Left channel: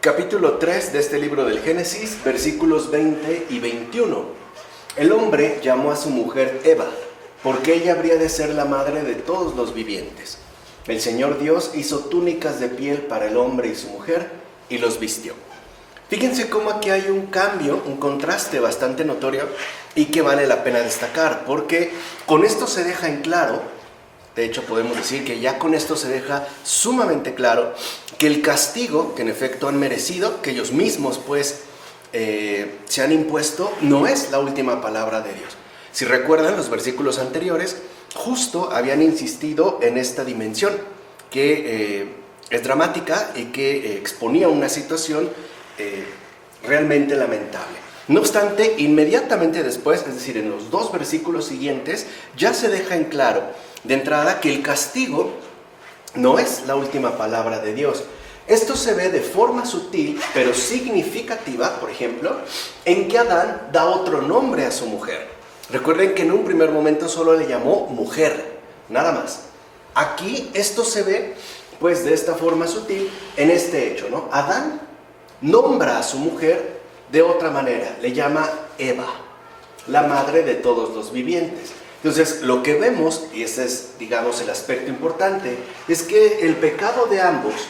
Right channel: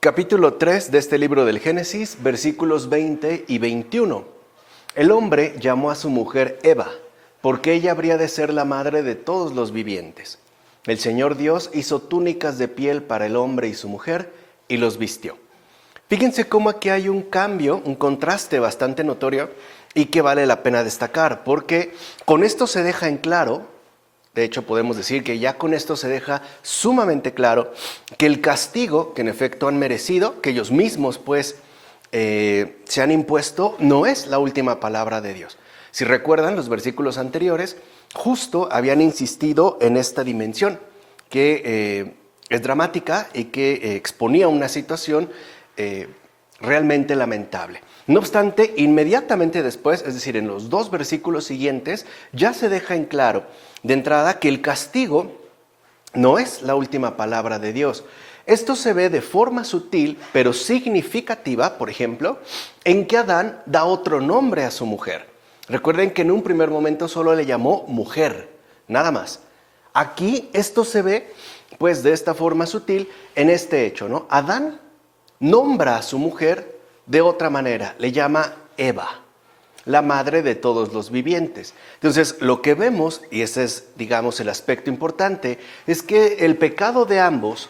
Capítulo 3 de este libro del Génesis, versículos 20 y 21. El hombre llamó a su mujer Eva, porque ella habría de ser la madre de todos los vivientes. El Señor Dios hizo túnicas de piel para el hombre y su mujer y los vistió. Fíjense cómo aquí hay un cambio, un contraste bastante notorio y que vale la pena destacar, porque con esto se deja en claro, de hecho podemos decir que ya con esto se deja sumamente claro que el castigo que en efecto han merecido, que ellos mismos pues se han impuesto, no es la última palabra de Dios. Si recuerdan los versículos anteriores, justo habían insistido en esta dimensión que es dramática y que exponía una situación realmente lamentable. No obstante, inmediatamente después, es decir, en los dos versículos siguientes, ya se deja en claro de entrada que el castigo no es la última palabra de Dios. Esto se ve de forma sutil, pero significativa, por ejemplo, en que Adán da otro nombre a su mujer. Recuerden que en un primer momento solo le llamó mujer, nada más. Aquí esto se ve, pues, de esta forma sutil en este hecho, ¿no? Adán nombra a su mujer de otra manera, le llama Eva, la madre de todos los vivientes. Entonces, lo que vemos, y ese es, digamos, el aspecto importante, es que el pecado de ambos,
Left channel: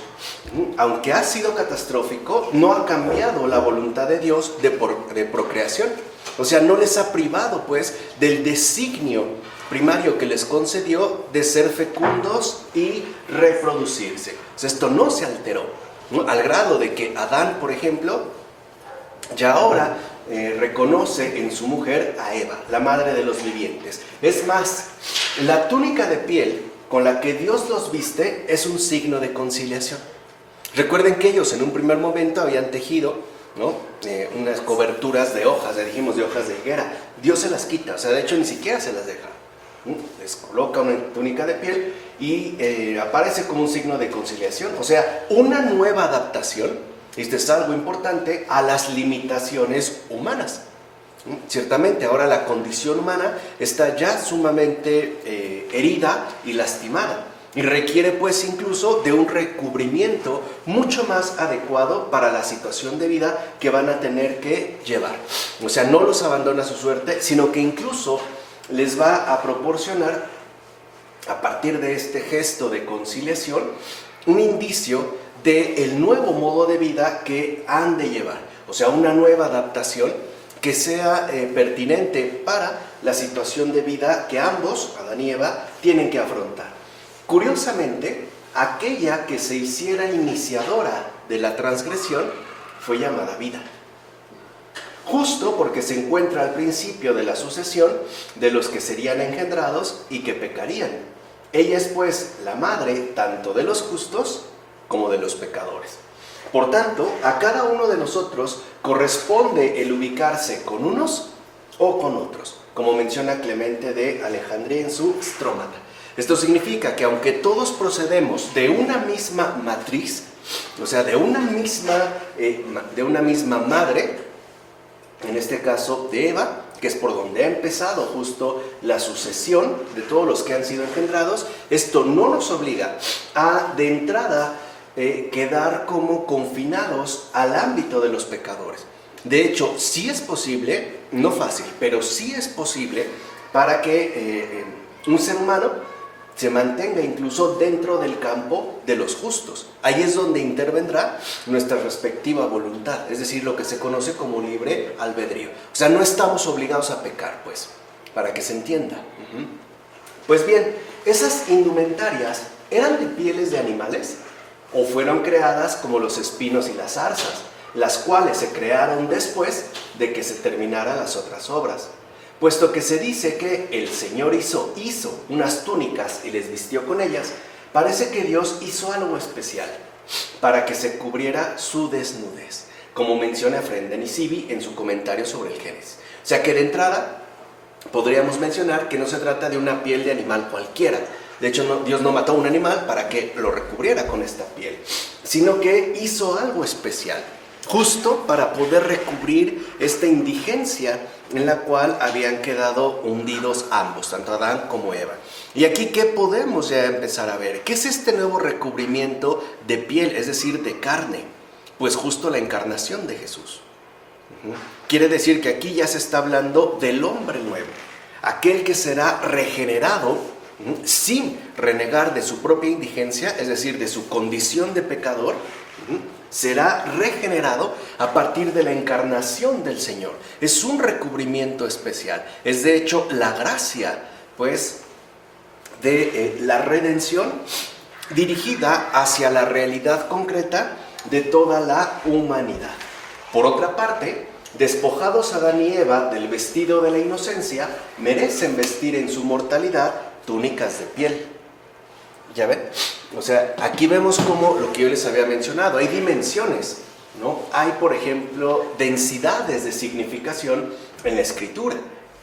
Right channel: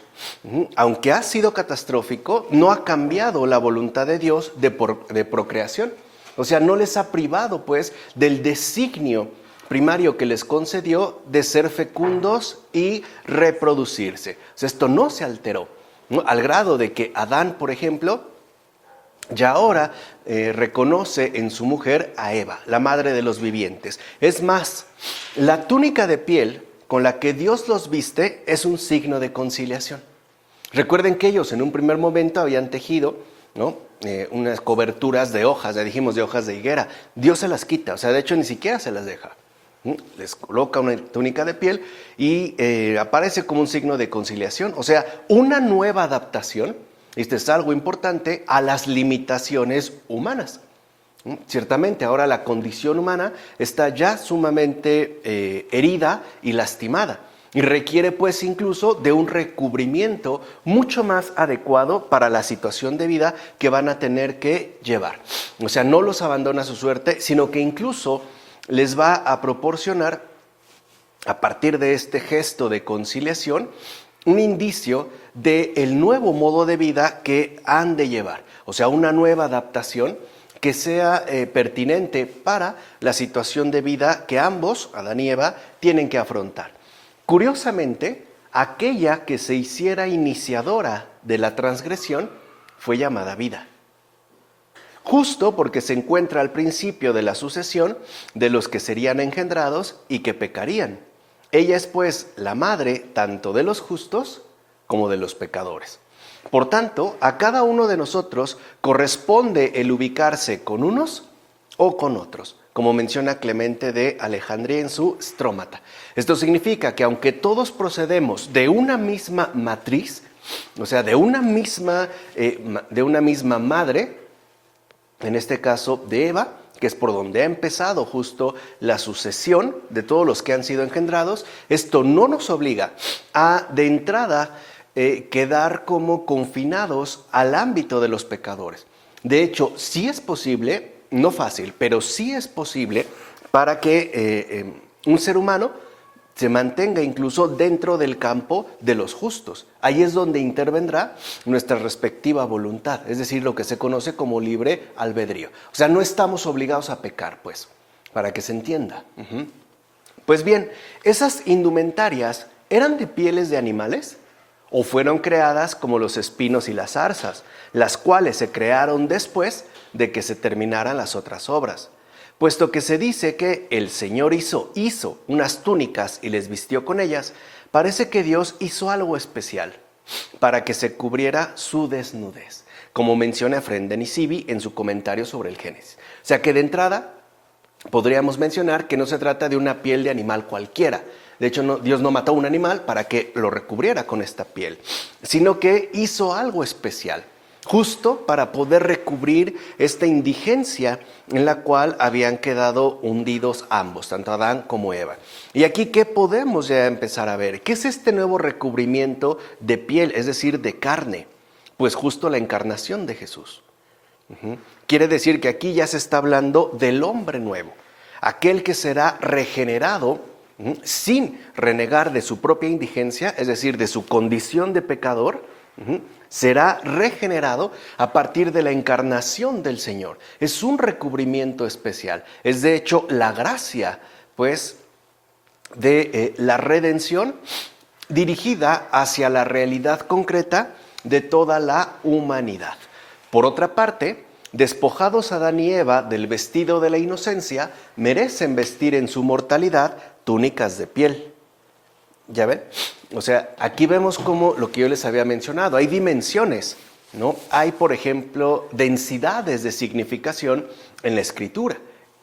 aunque ha sido catastrófico, no ha cambiado la voluntad de Dios de procreación. O sea, no les ha privado, pues, del designio primario que les concedió de ser fecundos y reproducirse. O sea, esto no se alteró, ¿no? Al grado de que Adán, por ejemplo, ya ahora reconoce en su mujer a Eva, la madre de los vivientes. Es más, la túnica de piel con la que Dios los viste es un signo de conciliación. Recuerden que ellos en un primer momento habían tejido, ¿no? Unas coberturas de hojas, ya dijimos de hojas de higuera. Dios se las quita, o sea, de hecho ni siquiera se las deja. Les coloca una túnica de piel y aparece como un signo de conciliación, o sea, una nueva adaptación. Esto es algo importante a las limitaciones humanas. Ciertamente, ahora la condición humana está ya sumamente herida y lastimada y requiere pues incluso de un recubrimiento mucho más adecuado para la situación de vida que van a tener que llevar. O sea, no los abandona a su suerte, sino que incluso les va a proporcionar, a partir de este gesto de conciliación, un indicio del nuevo modo de vida que han de llevar. O sea, una nueva adaptación que sea pertinente para la situación de vida que ambos, Adán y Eva, tienen que afrontar. Curiosamente, aquella que se hiciera iniciadora de la transgresión fue llamada vida. Justo porque se encuentra al principio de la sucesión de los que serían engendrados y que pecarían. Ella es pues la madre tanto de los justos como de los pecadores. Por tanto, a cada uno de nosotros corresponde el ubicarse con unos o con otros, como menciona Clemente de Alejandría en su Strómata. Esto significa que aunque todos procedemos de una misma matriz, o sea, de una misma madre, en este caso de Eva, que es por donde ha empezado justo la sucesión de todos los que han sido engendrados, esto no nos obliga a, de entrada, quedar como confinados al ámbito de los pecadores. De hecho, sí es posible, no fácil, pero sí es posible para que un ser humano se mantenga incluso dentro del campo de los justos. Ahí es donde intervendrá nuestra respectiva voluntad, es decir, lo que se conoce como libre albedrío. O sea, no estamos obligados a pecar, pues, para que se entienda. Pues bien, esas indumentarias eran de pieles de animales o fueron creadas como los espinos y las zarzas, las cuales se crearon después de que se terminaran las otras obras. Puesto que se dice que el Señor hizo unas túnicas y les vistió con ellas, parece que Dios hizo algo especial para que se cubriera su desnudez, como menciona Efrén de Nisibi en su comentario sobre el Génesis. O sea que de entrada podríamos mencionar que no se trata de una piel de animal cualquiera. De hecho, Dios no mató a un animal para que lo recubriera con esta piel, sino que hizo algo especial, justo para poder recubrir esta indigencia en la cual habían quedado hundidos ambos, tanto Adán como Eva. Y aquí, ¿qué podemos ya empezar a ver? ¿Qué es este nuevo recubrimiento de piel, es decir, de carne? Pues justo la encarnación de Jesús. Quiere decir que aquí ya se está hablando del hombre nuevo, aquel que será regenerado sin renegar de su propia indigencia, es decir, de su condición de pecador, será regenerado a partir de la encarnación del Señor. Es un recubrimiento especial, es de hecho la gracia, pues, de la redención dirigida hacia la realidad concreta de toda la humanidad. Por otra parte, despojados Adán y Eva del vestido de la inocencia, merecen vestir en su mortalidad túnicas de piel. ¿Ya ven? O sea, aquí vemos como lo que yo les había mencionado, hay dimensiones, ¿no? Hay, por ejemplo, densidades de significación en la Escritura.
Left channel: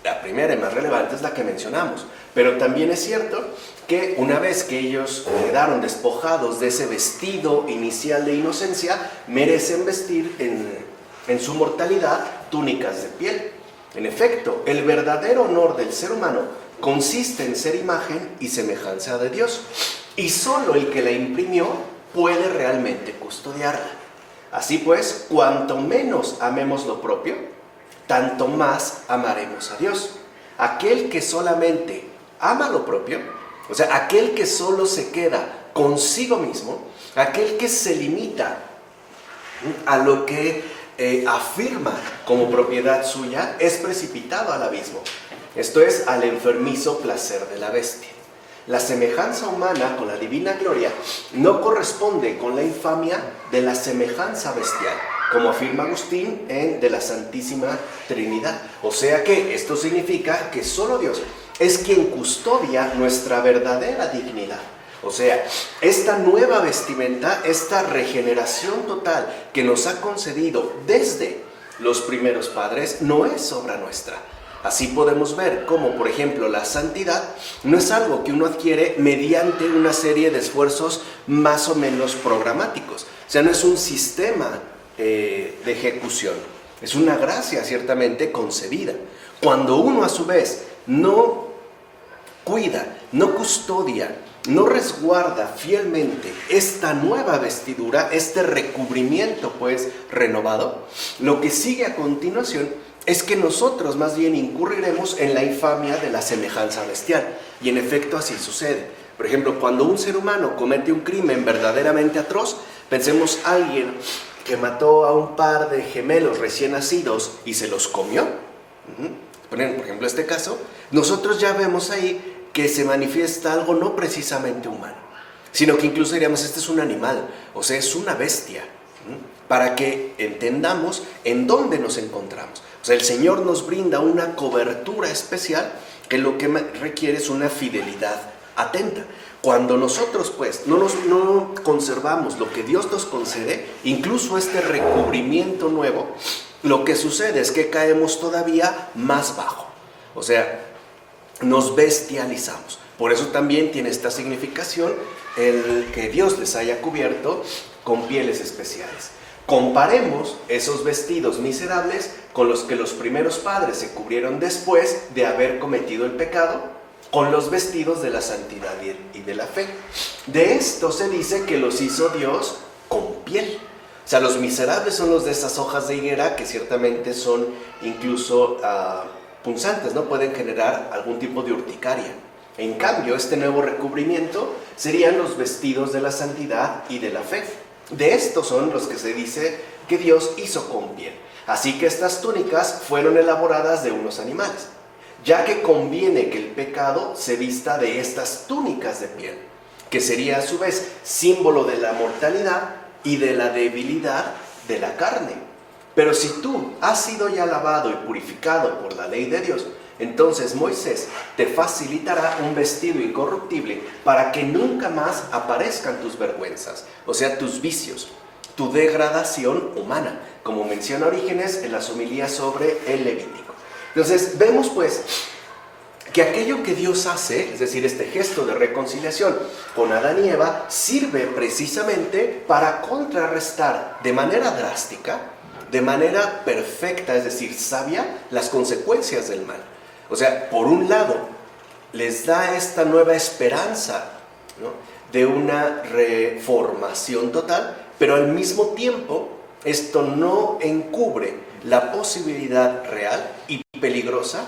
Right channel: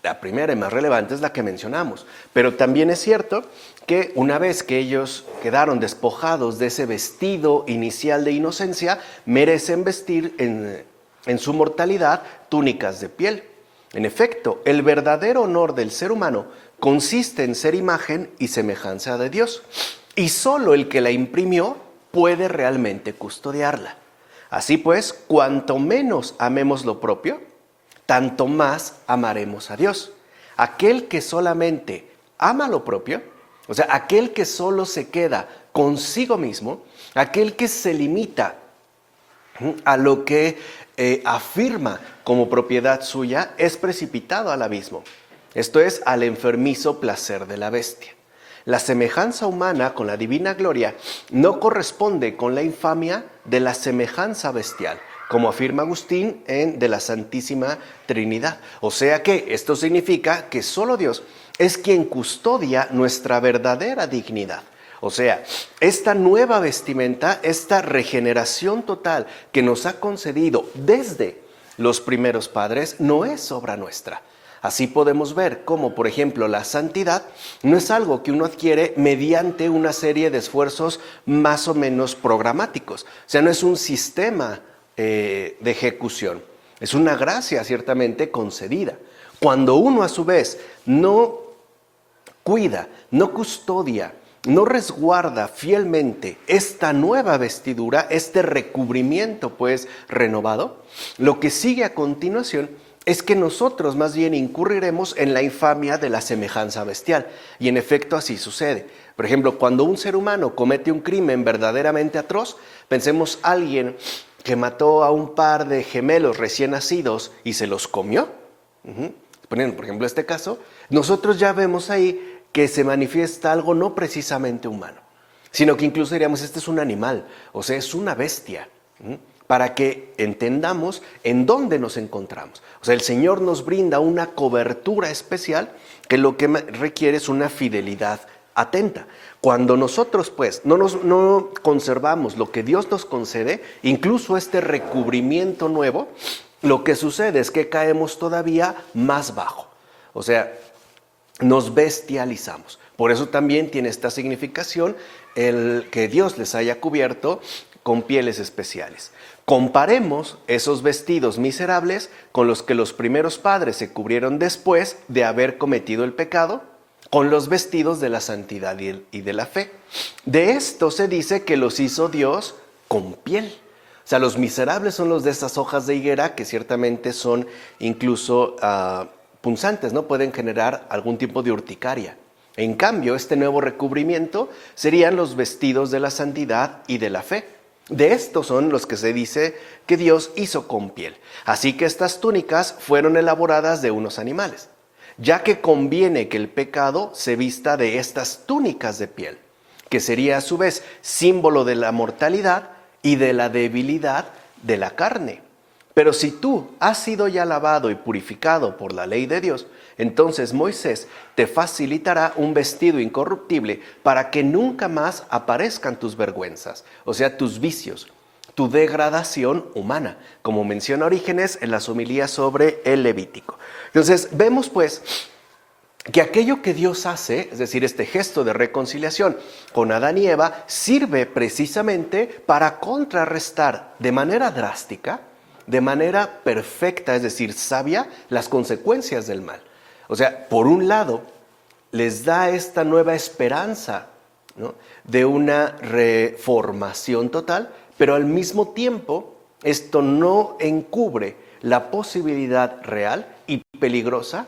La primera y más relevante es la que mencionamos, pero también es cierto que una vez que ellos quedaron despojados de ese vestido inicial de inocencia, merecen vestir en su mortalidad túnicas de piel. En efecto, el verdadero honor del ser humano consiste en ser imagen y semejanza de Dios, y solo el que la imprimió puede realmente custodiarla. Así pues, cuanto menos amemos lo propio, tanto más amaremos a Dios. Aquel que solamente ama lo propio, o sea, aquel que solo se queda consigo mismo, aquel que se limita a lo que afirma como propiedad suya, es precipitado al abismo. Esto es, al enfermizo placer de la bestia. La semejanza humana con la divina gloria no corresponde con la infamia de la semejanza bestial, como afirma Agustín en De la Santísima Trinidad. O sea que esto significa que solo Dios es quien custodia nuestra verdadera dignidad. O sea, esta nueva vestimenta, esta regeneración total que nos ha concedido desde los primeros padres, no es obra nuestra. Así podemos ver cómo, por ejemplo, la santidad no es algo que uno adquiere mediante una serie de esfuerzos más o menos programáticos. O sea, no es un sistema de ejecución, es una gracia ciertamente concedida. Cuando uno a su vez no cuida, no custodia, no resguarda fielmente esta nueva vestidura, este recubrimiento pues renovado, lo que sigue a continuación es que nosotros más bien incurriremos en la infamia de la semejanza bestial. Y en efecto así sucede. Por ejemplo, cuando un ser humano comete un crimen verdaderamente atroz, pensemos alguien que mató a un par de gemelos recién nacidos y se los comió. Ponen, por ejemplo, este caso, nosotros ya vemos ahí que se manifiesta algo no precisamente humano, sino que incluso diríamos, este es un animal, o sea, es una bestia, para que entendamos en dónde nos encontramos. O sea, el Señor nos brinda una cobertura especial que lo que requiere es una fidelidad atenta. Cuando nosotros pues no conservamos lo que Dios nos concede, incluso este recubrimiento nuevo, lo que sucede es que caemos todavía más bajo. O sea, nos bestializamos. Por eso también tiene esta significación el que Dios les haya cubierto con pieles especiales. Comparemos esos vestidos miserables con los que los primeros padres se cubrieron después de haber cometido el pecado, con los vestidos de la santidad y de la fe. De esto se dice que los hizo Dios con piel. O sea, los miserables son los de esas hojas de higuera que ciertamente son incluso punzantes, ¿no? Pueden generar algún tipo de urticaria. En cambio, este nuevo recubrimiento serían los vestidos de la santidad y de la fe. De estos son los que se dice que Dios hizo con piel. Así que estas túnicas fueron elaboradas de unos animales, ya que conviene que el pecado se vista de estas túnicas de piel, que sería a su vez símbolo de la mortalidad y de la debilidad de la carne. Pero si tú has sido ya lavado y purificado por la ley de Dios, entonces Moisés te facilitará un vestido incorruptible para que nunca más aparezcan tus vergüenzas, o sea, tus vicios, tu degradación humana, como menciona Orígenes en las homilías sobre el Levítico. Entonces, vemos pues que aquello que Dios hace, es decir, este gesto de reconciliación con Adán y Eva, sirve precisamente para contrarrestar de manera drástica, de manera perfecta, es decir, sabia, las consecuencias del mal. O sea, por un lado, les da esta nueva esperanza, ¿no?, de una reformación total, pero al mismo tiempo esto no encubre la posibilidad real y peligrosa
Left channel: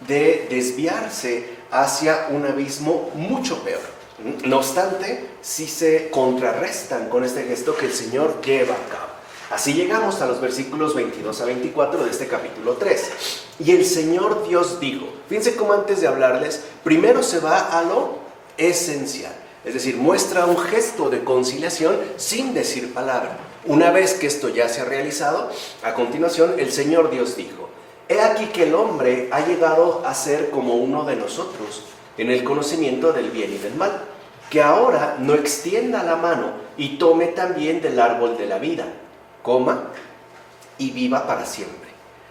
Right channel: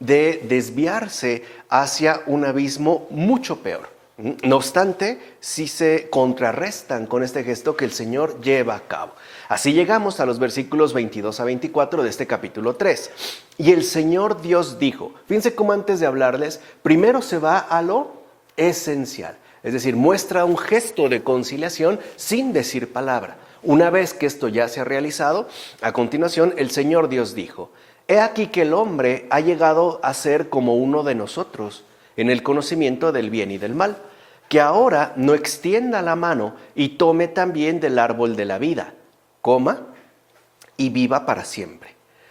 de desviarse hacia un abismo mucho peor. No obstante, sí se contrarrestan con este gesto que el Señor lleva a cabo. Así llegamos a los versículos 22 a 24 de este capítulo 3. Y el Señor Dios dijo, fíjense cómo antes de hablarles, primero se va a lo esencial. Es decir, muestra un gesto de conciliación sin decir palabra. Una vez que esto ya se ha realizado, a continuación el Señor Dios dijo, he aquí que el hombre ha llegado a ser como uno de nosotros en el conocimiento del bien y del mal, que ahora no extienda la mano y tome también del árbol de la vida, coma y viva para siempre.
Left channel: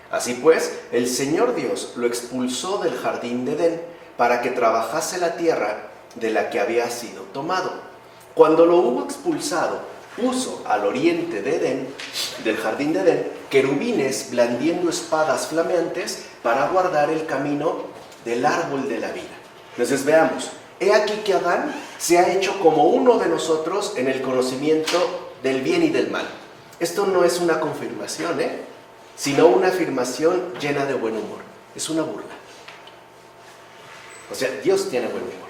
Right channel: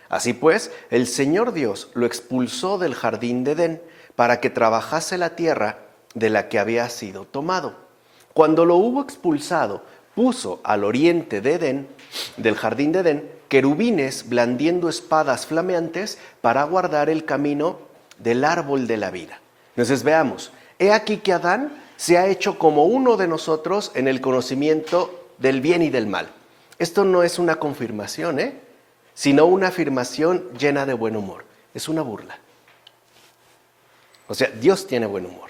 Así pues, el Señor Dios lo expulsó del jardín de Edén para que trabajase la tierra de la que había sido tomado. Cuando lo hubo expulsado, puso al oriente de Edén, del jardín de Edén, querubines blandiendo espadas flameantes para guardar el camino del árbol de la vida. Entonces veamos, he aquí que Adán se ha hecho como uno de nosotros en el conocimiento del bien y del mal. Esto no es una confirmación, sino una afirmación llena de buen humor. Es una burla. O sea, Dios tiene buen humor.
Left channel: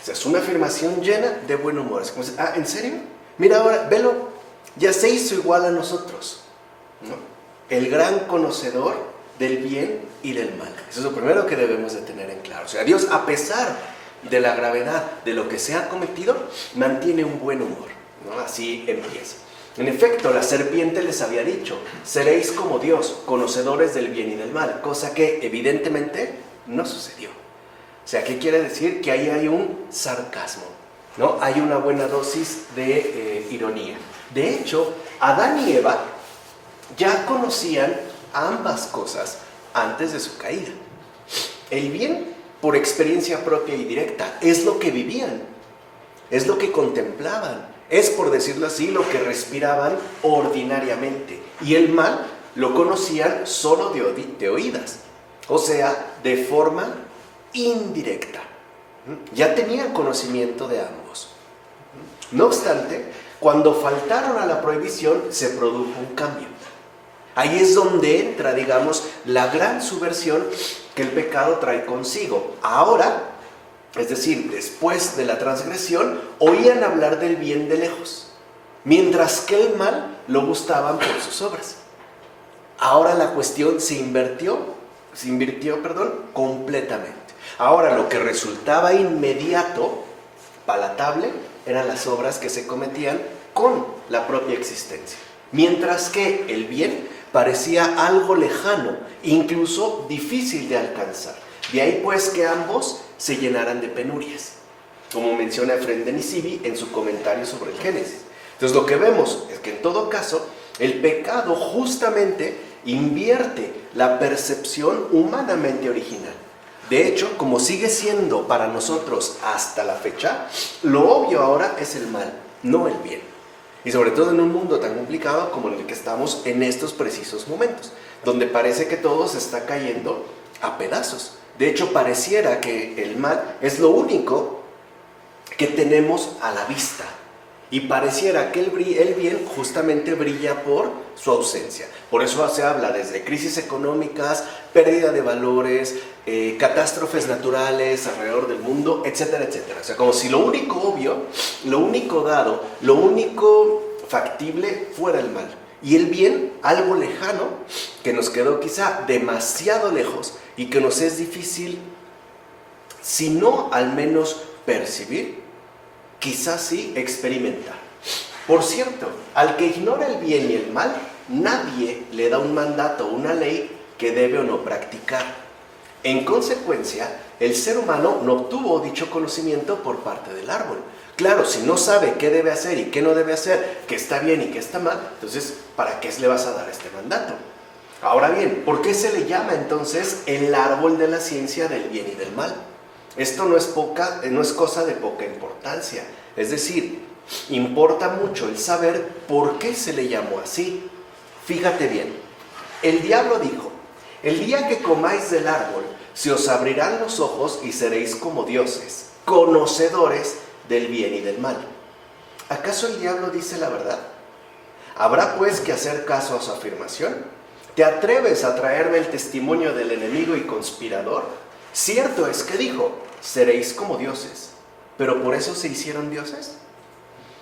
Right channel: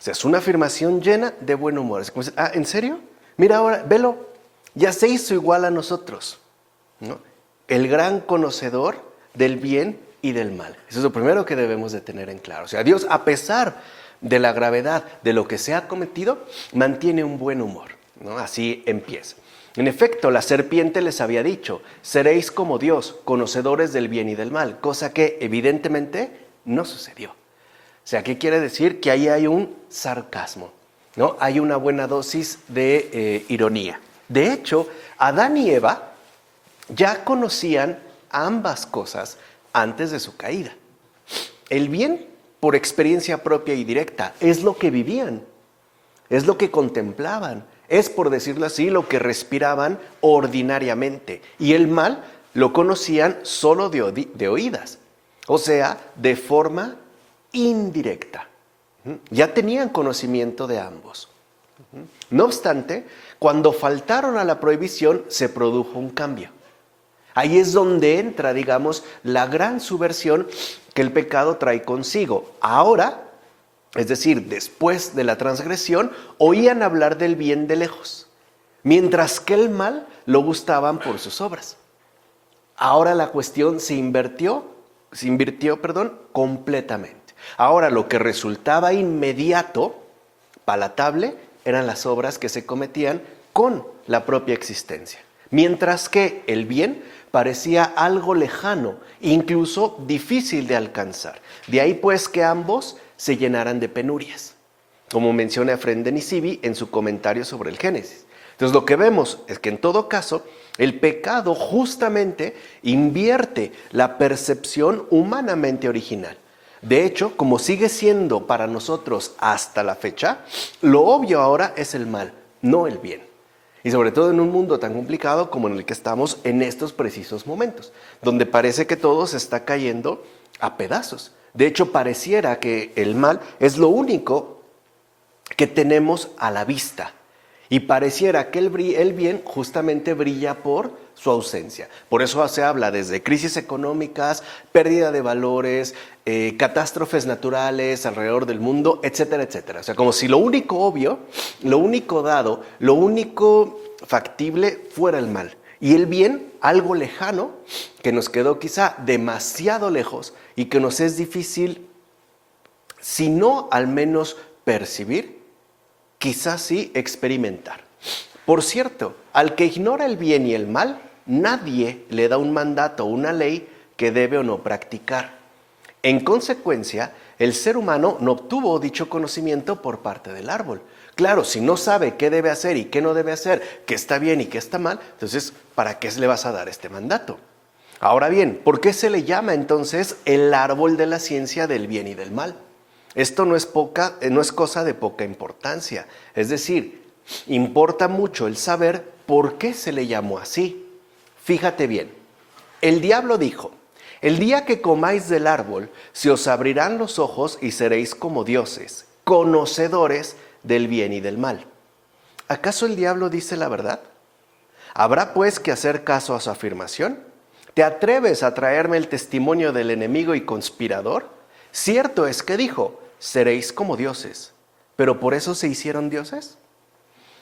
O sea, es una afirmación llena de buen humor. Es como decir, ¿en serio? Mira ahora, velo, ya se hizo igual a nosotros, ¿no? El gran conocedor del bien y del mal. Eso es lo primero que debemos de tener en claro. O sea, Dios, a pesar de la gravedad de lo que se ha cometido, mantiene un buen humor, ¿no? Así empieza. En efecto, la serpiente les había dicho, seréis como Dios, conocedores del bien y del mal, cosa que evidentemente no sucedió. O sea, ¿qué quiere decir? Que ahí hay un sarcasmo, ¿no? Hay una buena dosis de ironía. De hecho, Adán y Eva ya conocían ambas cosas antes de su caída. El bien, por experiencia propia y directa, es lo que vivían, es lo que contemplaban, es, por decirlo así, lo que respiraban ordinariamente. Y el mal lo conocían solo de oídas, o sea, de forma indirecta. Ya tenían conocimiento de ambos. No obstante, cuando faltaron a la prohibición, se produjo un cambio. Ahí es donde entra, digamos, la gran subversión que el pecado trae consigo. Ahora, es decir, después de la transgresión, oían hablar del bien de lejos, mientras que el mal lo gustaban por sus obras. Ahora la cuestión se invirtió, completamente. Ahora lo que resultaba inmediato, palatable, eran las obras que se cometían con la propia existencia, mientras que el bien parecía algo lejano, incluso difícil de alcanzar. De ahí pues que ambos se llenaran de penurias, como menciona Efrén de Nisibi en su comentario sobre el Génesis. Entonces lo que vemos es que en todo caso el pecado justamente invierte la percepción humanamente original. De hecho, como sigue siendo para nosotros hasta la fecha, lo obvio ahora es el mal, no el bien. Y sobre todo en un mundo tan complicado como en el que estamos en estos precisos momentos, donde parece que todo se está cayendo a pedazos. De hecho, pareciera que el mal es lo único que tenemos a la vista. Y pareciera que el bien justamente brilla por su ausencia. Por eso se habla desde crisis económicas, pérdida de valores, catástrofes naturales alrededor del mundo, etcétera, etcétera. O sea, como si lo único obvio, lo único dado, lo único factible fuera el mal. Y el bien, algo lejano, que nos quedó quizá demasiado lejos y que nos es difícil, si no al menos percibir, quizás sí experimentar. Por cierto, al que ignora el bien y el mal, nadie le da un mandato o una ley que debe o no practicar. En consecuencia, el ser humano no obtuvo dicho conocimiento por parte del árbol. Claro, si no sabe qué debe hacer y qué no debe hacer, qué está bien y qué está mal, entonces, ¿para qué le vas a dar este mandato? Ahora bien, ¿por qué se le llama entonces el árbol de la ciencia del bien y del mal? Esto no es cosa de poca importancia. Es decir, importa mucho el saber por qué se le llamó así. Fíjate bien, el diablo dijo, el día que comáis del árbol, se os abrirán los ojos y seréis como dioses, conocedores del bien y del mal. ¿Acaso el diablo dice la verdad? ¿Habrá pues que hacer caso a su afirmación? ¿Te atreves a traerme el testimonio del enemigo y conspirador? Cierto es que dijo, seréis como dioses, pero ¿por eso se hicieron dioses?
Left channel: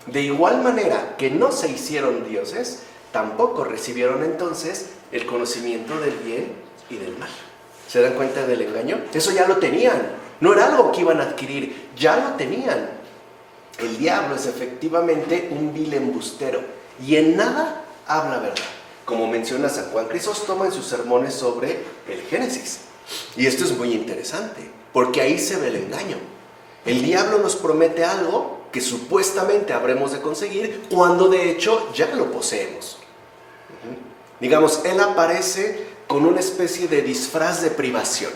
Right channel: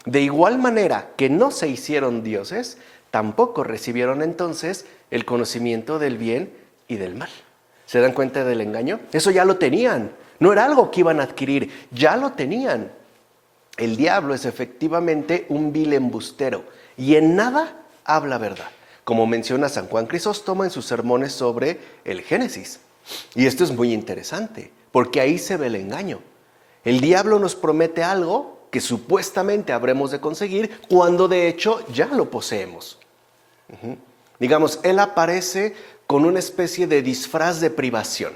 De igual manera que no se hicieron dioses, tampoco recibieron entonces el conocimiento del bien y del mal. ¿Se dan cuenta del engaño? Eso ya lo tenían, no era algo que iban a adquirir, ya lo tenían. El diablo es efectivamente un vil embustero y en nada habla verdad, como menciona San Juan Crisóstomo en sus sermones sobre el Génesis. Y esto es muy interesante, porque ahí se ve el engaño. El diablo nos promete algo que supuestamente habremos de conseguir, cuando de hecho ya lo poseemos. Digamos, él aparece con una especie de disfraz de privación,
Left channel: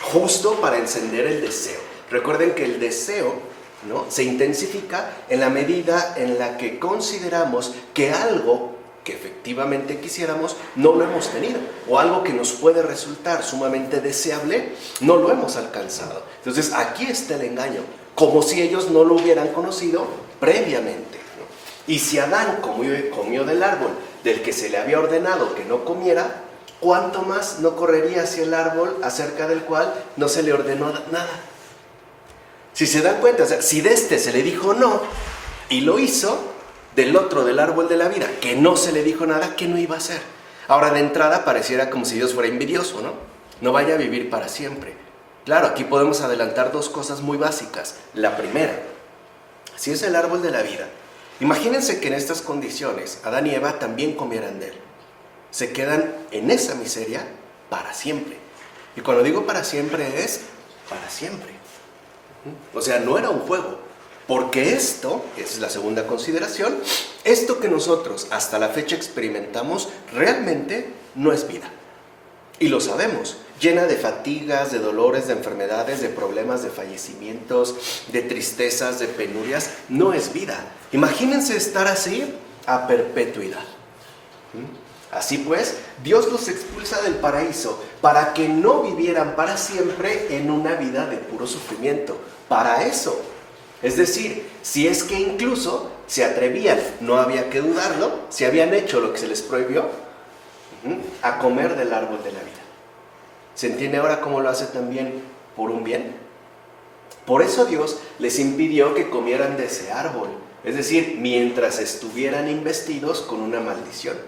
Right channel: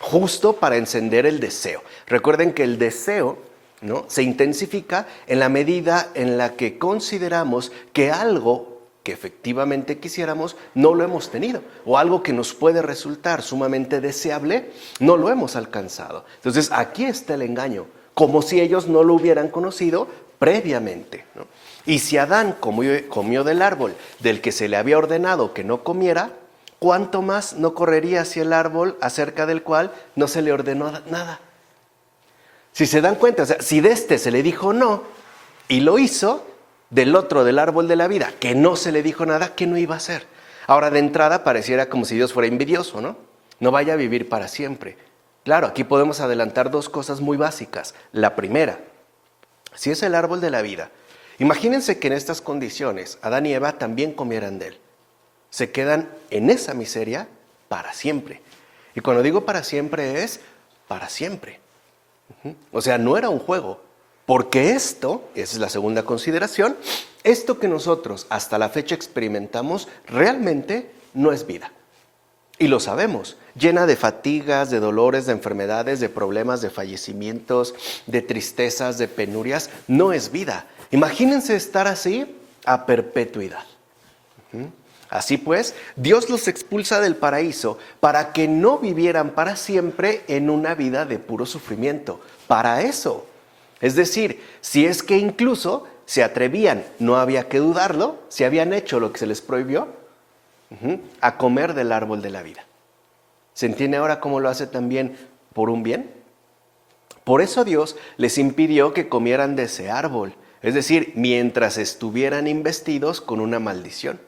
justo para encender el deseo. Recuerden que el deseo, ¿no?, se intensifica en la medida en la que consideramos que algo que efectivamente quisiéramos no lo hemos tenido, o algo que nos puede resultar sumamente deseable no lo hemos alcanzado. Entonces aquí está el engaño, como si ellos no lo hubieran conocido previamente, ¿no? Y si Adán comió del árbol del que se le había ordenado que no comiera, ¿cuánto más no correría hacia el árbol acerca del cual no se le ordenó nada? Si se dan cuenta, o sea, si de este se le dijo no y lo hizo, del otro, del árbol de la vida, que no se le dijo nada, ¿qué no iba a hacer? Ahora, de entrada pareciera como si Dios fuera envidioso, ¿no? No vaya a vivir para siempre. Claro, aquí podemos adelantar dos cosas muy básicas. La primera, si es el árbol de la vida, imagínense que en estas condiciones Adán y Eva también comieran de él. Se quedan en esa miseria para siempre. Y cuando digo para siempre es para siempre. O sea, no era un juego. Porque esto, esa es la segunda consideración, esto que nosotros hasta la fecha experimentamos realmente no es vida. Y lo sabemos, llena de fatigas, de dolores, de enfermedades, de problemas, de fallecimientos, de tristezas, de penurias, no es vida. Imagínense estar así a perpetuidad. Así pues, Dios los expulsa del paraíso para que no vivieran para siempre en una vida de puro sufrimiento. Para eso. Es decir, si es que incluso se atrevían, no había que dudarlo, si habían hecho lo que se les prohibió, a comer del árbol de la vida. ¿Se entiende ahora cómo lo hace también por un bien? Por eso Dios les impidió que comieran de ese árbol, es decir, mientras estuvieran investidos con una maldición.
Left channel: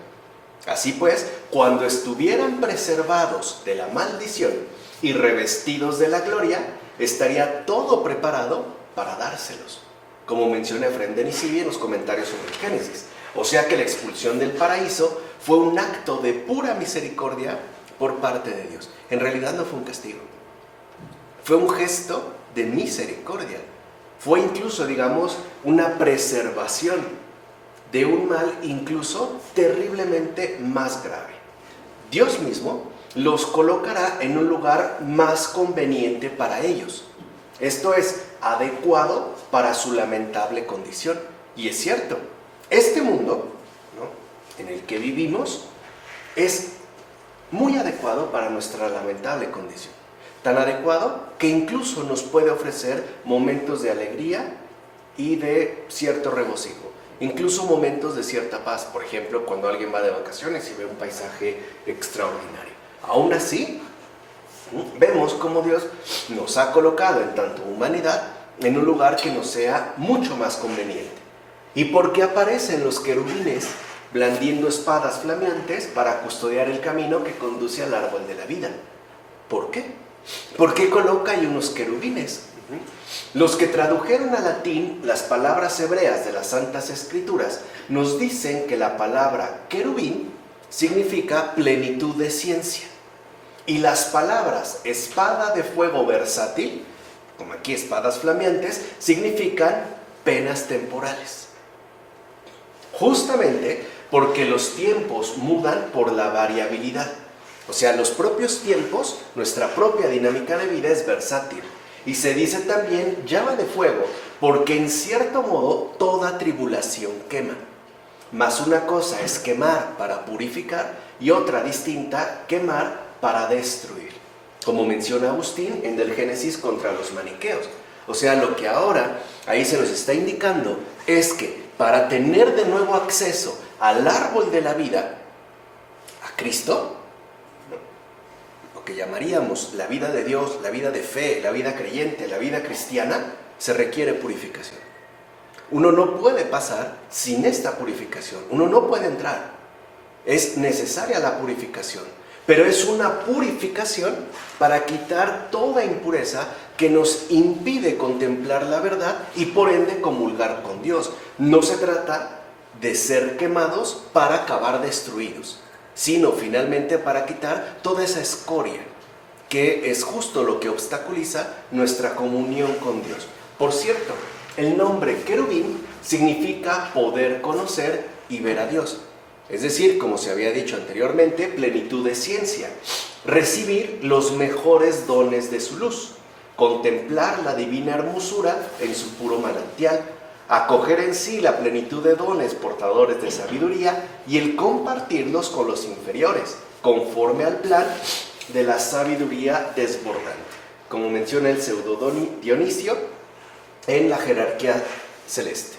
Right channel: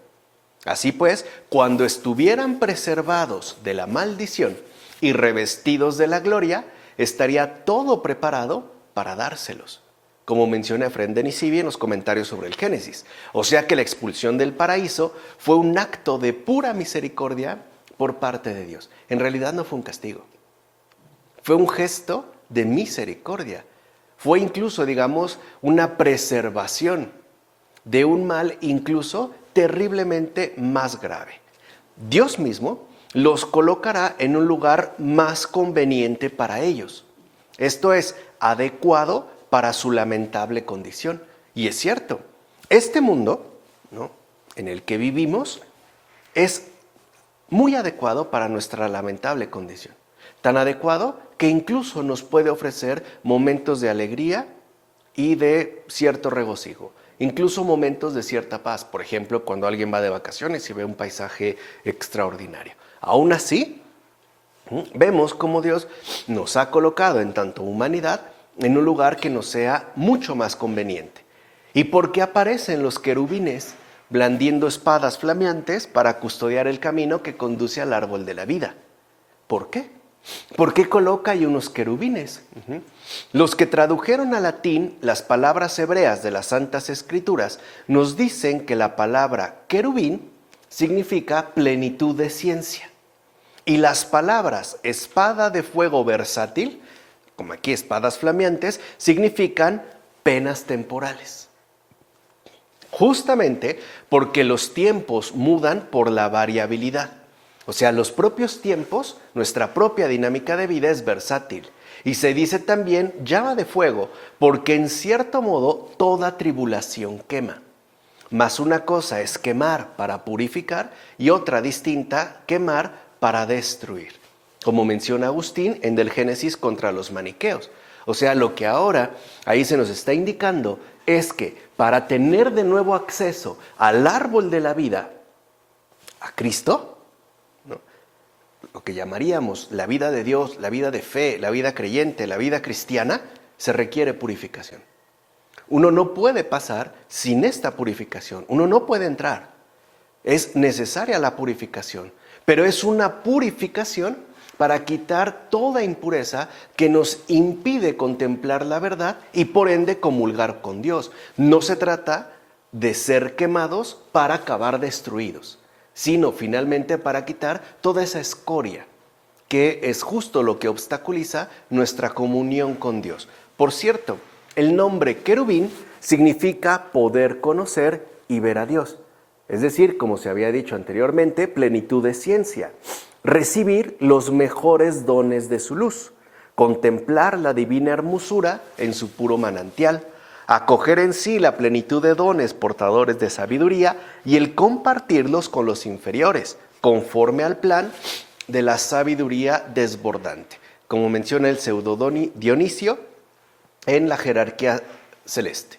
Así pues, cuando estuvieran preservados de la maldición y revestidos de la gloria, estaría todo preparado para dárselos, como menciona Efrén de Nisibia en los comentarios sobre el Génesis. O sea que la expulsión del paraíso fue un acto de pura misericordia por parte de Dios. En realidad no fue un castigo, fue un gesto de misericordia. Fue incluso, digamos, una preservación de un mal incluso terriblemente más grave. Dios mismo los colocará en un lugar más conveniente para ellos. Esto es adecuado para su lamentable condición. Y es cierto, este mundo, ¿no?, en el que vivimos es muy adecuado para nuestra lamentable condición. Tan adecuado que incluso nos puede ofrecer momentos de alegría y de cierto regocijo. Incluso momentos de cierta paz. Por ejemplo, cuando alguien va de vacaciones y ve un paisaje extraordinario. Aún así, vemos cómo Dios nos ha colocado en tanto humanidad en un lugar que nos sea mucho más conveniente. ¿Y por qué aparecen los querubines blandiendo espadas flameantes para custodiar el camino que conduce al árbol de la vida? ¿Por qué? ¿Por qué coloca ahí unos querubines? Los que tradujeron al latín las palabras hebreas de las Santas Escrituras nos dicen que la palabra querubín significa plenitud de ciencia. Y las palabras espada de fuego versátil, como aquí espadas flameantes, significan penas temporales. Justamente porque los tiempos mudan por la variabilidad. O sea, los propios tiempos, nuestra propia dinámica de vida es versátil. Y se dice también llama de fuego, porque en cierto modo toda tribulación quema. Mas una cosa es quemar para purificar y otra distinta, quemar para destruir, como menciona Agustín en Del Génesis contra los maniqueos. O sea, lo que ahora ahí se nos está indicando es que para tener de nuevo acceso al árbol de la vida, a Cristo, ¿no?, lo que llamaríamos la vida de Dios, la vida de fe, la vida creyente, la vida cristiana, se requiere purificación. Uno no puede pasar sin esta purificación, uno no puede entrar. Es necesaria la purificación, pero es una purificación para quitar toda impureza que nos impide contemplar la verdad y por ende comulgar con Dios. No se trata de ser quemados para acabar destruidos, sino finalmente para quitar toda esa escoria, que es justo lo que obstaculiza nuestra comunión con Dios. Por cierto, el nombre querubín significa poder conocer y ver a Dios. Es decir, como se había dicho anteriormente, plenitud de ciencia, recibir los mejores dones de su luz, contemplar la divina hermosura en su puro manantial, acoger en sí la plenitud de dones portadores de sabiduría y el compartirlos con los inferiores, conforme al plan de la sabiduría desbordante, como menciona el pseudo Dionisio en la jerarquía celeste.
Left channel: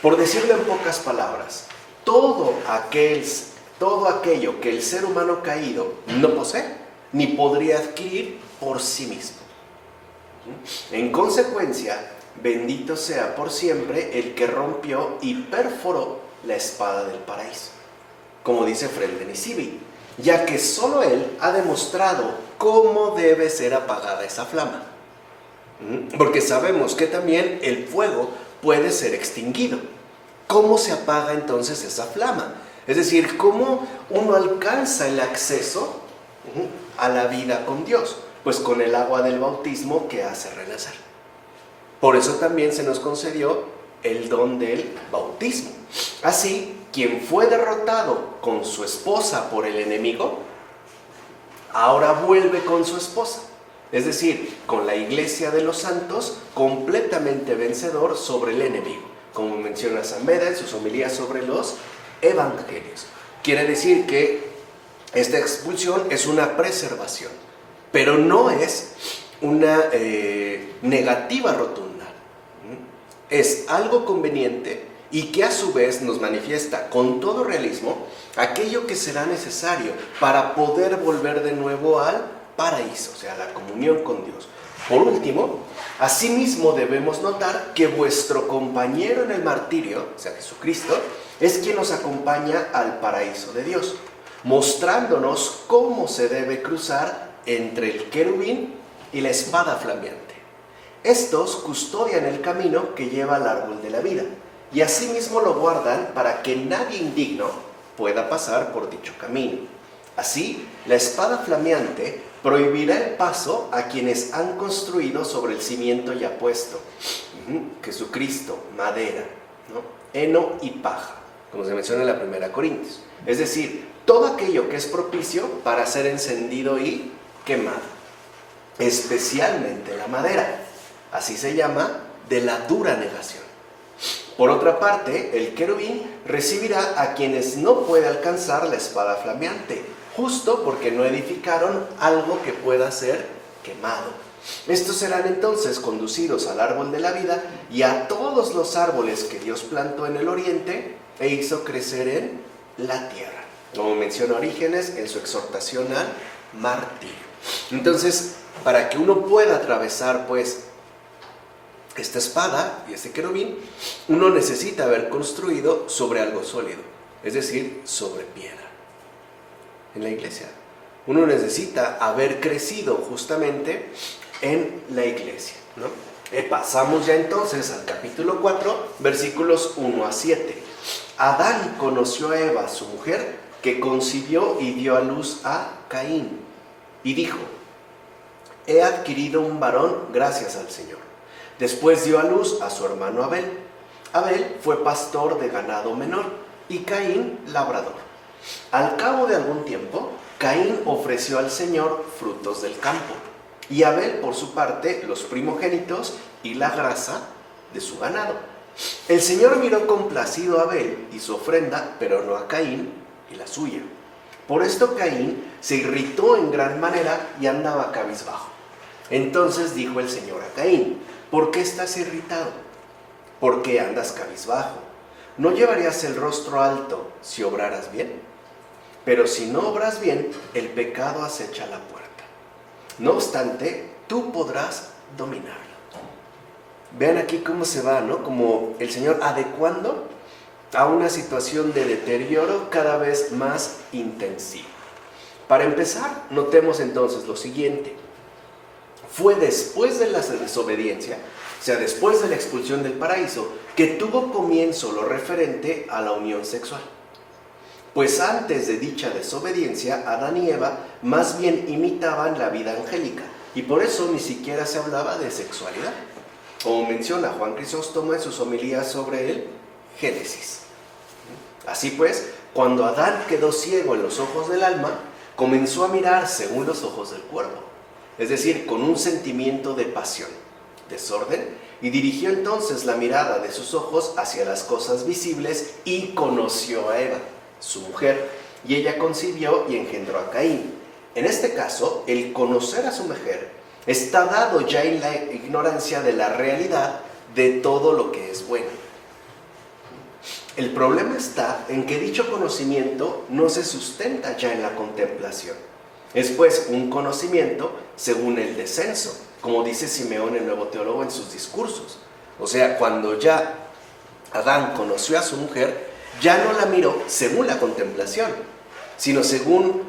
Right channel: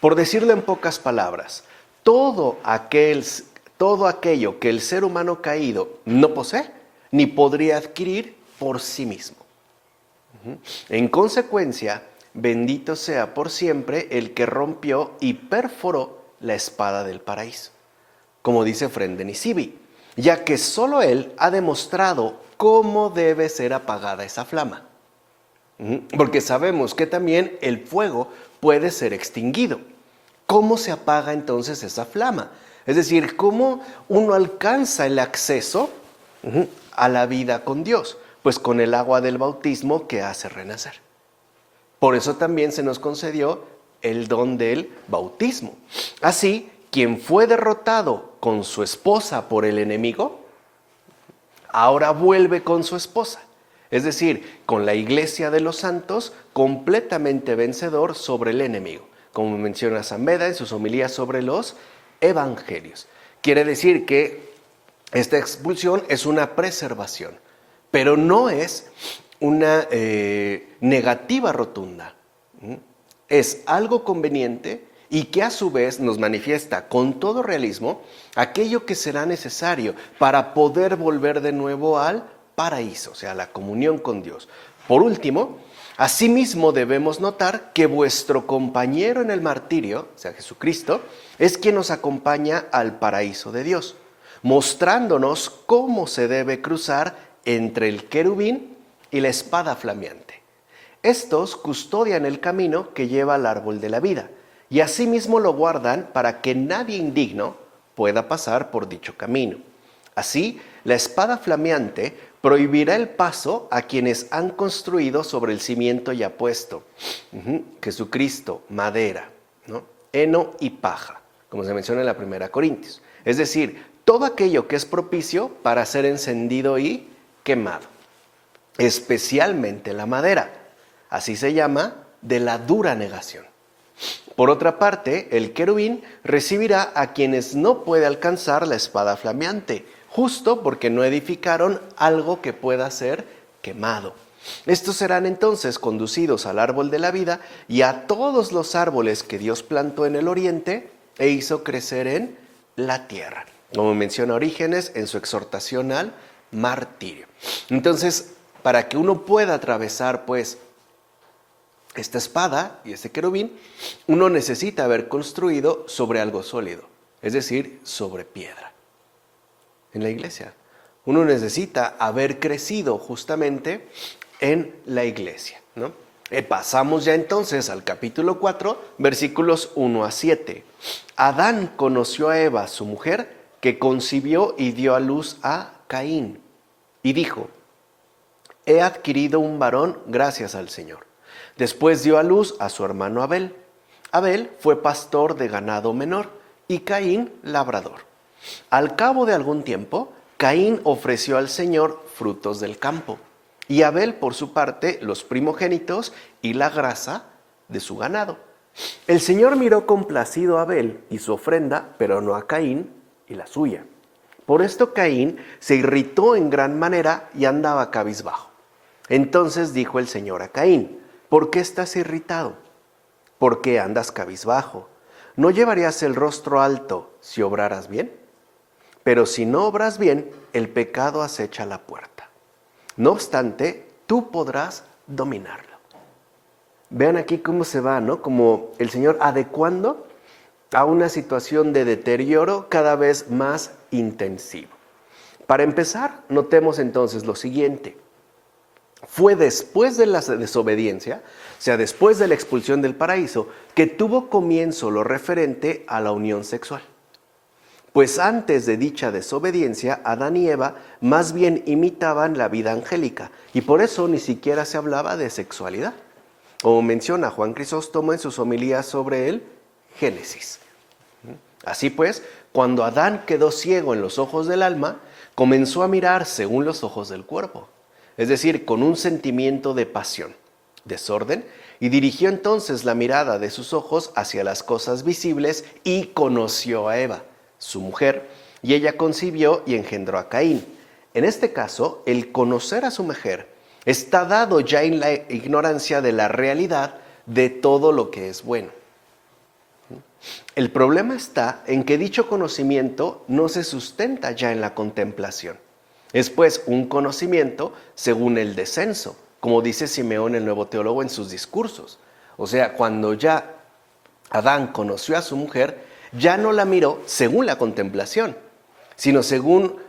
Por decirlo en pocas palabras, todo aquello que el ser humano caído no posee, ni podría adquirir por sí mismo. En consecuencia, bendito sea por siempre el que rompió y perforó la espada del paraíso, como dice Fray Denisivi, ya que solo él ha demostrado cómo debe ser apagada esa flama. Porque sabemos que también el fuego puede ser extinguido. ¿Cómo se apaga entonces esa flama? Es decir, ¿cómo uno alcanza el acceso a la vida con Dios? Pues con el agua del bautismo que hace renacer. Por eso también se nos concedió el don del bautismo. Así, quien fue derrotado con su esposa por el enemigo, ahora vuelve con su esposa. Es decir, con la iglesia de los santos, completamente vencedor sobre el enemigo, como menciona San Beda en sus homilías sobre los evangelios. Quiere decir que esta expulsión es una preservación, pero no es una negativa rotunda. Es algo conveniente y que a su vez nos manifiesta con todo realismo aquello que será necesario para poder volver de nuevo al paraíso, o sea, la comunión con Dios. Por último, asimismo debemos notar que vuestro compañero en el martirio, o sea, Jesucristo, es quien nos acompaña al paraíso de Dios, mostrándonos cómo se debe cruzar entre el querubín y la espada flameante. Estos custodian el camino que lleva al árbol de la vida, y asimismo lo guardan para que nadie indigno pueda pasar por dicho camino. Así, la espada flameante prohibirá el paso a quienes han construido sobre el cimiento ya puesto. Jesucristo, madera, ¿no?, heno y paja, como se menciona en la 1 Corintios. Es decir, todo aquello que es propicio para ser encendido y quemado, especialmente la madera. Así se llama de la dura negación. Por otra parte, el querubín recibirá a quienes no puede alcanzar la espada flameante, justo porque no edificaron algo que pueda ser quemado. Estos serán entonces conducidos al árbol de la vida y a todos los árboles que Dios plantó en el oriente e hizo crecer en la tierra, como menciona Orígenes en su exhortación al martirio. Entonces, para que uno pueda atravesar, pues, esta espada y este querubín, uno necesita haber construido sobre algo sólido, es decir, sobre piedra. En la iglesia, uno necesita haber crecido justamente en la iglesia, ¿no? Pasamos ya entonces al capítulo 4, versículos 1 a 7. Adán conoció a Eva, su mujer, que concibió y dio a luz a Caín, y dijo: he adquirido un varón gracias al Señor. Después dio a luz a su hermano Abel. Abel fue pastor de ganado menor y Caín labrador. Al cabo de algún tiempo, Caín ofreció al Señor frutos del campo, y Abel, por su parte, los primogénitos y la grasa de su ganado. El Señor miró complacido a Abel y su ofrenda, pero no a Caín y la suya. Por esto Caín se irritó en gran manera y andaba cabizbajo. Entonces dijo el Señor a Caín: ¿por qué estás irritado? ¿Por qué andas cabizbajo? ¿no llevarías el rostro alto si obraras bien? Pero si no obras bien, el pecado acecha a la puerta. No obstante, tú podrás dominarlo. Vean aquí cómo se va, ¿no? Como el Señor adecuando a una situación de deterioro cada vez más intensivo. Para empezar, notemos entonces lo siguiente. Fue después de la desobediencia, o sea, después de la expulsión del paraíso, que tuvo comienzo lo referente a la unión sexual. Pues antes de dicha desobediencia, Adán y Eva más bien imitaban la vida angélica, y por eso ni siquiera se hablaba de sexualidad, como menciona Juan Crisóstomo en sus homilías sobre el Génesis. Así pues, cuando Adán quedó ciego en los ojos del alma, comenzó a mirar según los ojos del cuerpo, es decir, con un sentimiento de pasión, desorden, y dirigió entonces la mirada de sus ojos hacia las cosas visibles y conoció a Eva, su mujer, y ella concibió y engendró a Caín. En este caso, el conocer a su mujer está dado ya en la ignorancia de la realidad de todo lo que es bueno. El problema está en que dicho conocimiento no se sustenta ya en la contemplación. Es pues un conocimiento según el descenso, como dice Simeón el Nuevo Teólogo en sus discursos. O sea, cuando ya Adán conoció a su mujer, ya no la miró según la contemplación, sino según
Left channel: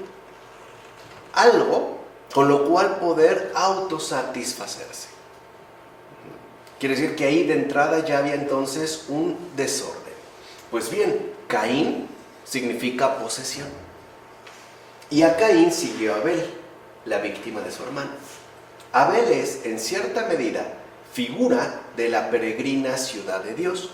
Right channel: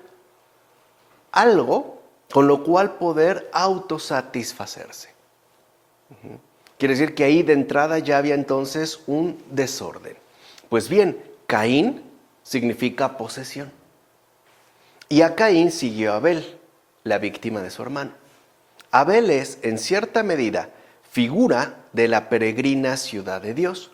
algo con lo cual poder autosatisfacerse. Quiere decir que ahí de entrada ya había entonces un desorden. Pues bien, Caín significa posesión. Y a Caín siguió Abel, la víctima de su hermano. Abel es, en cierta medida, figura de la peregrina ciudad de Dios.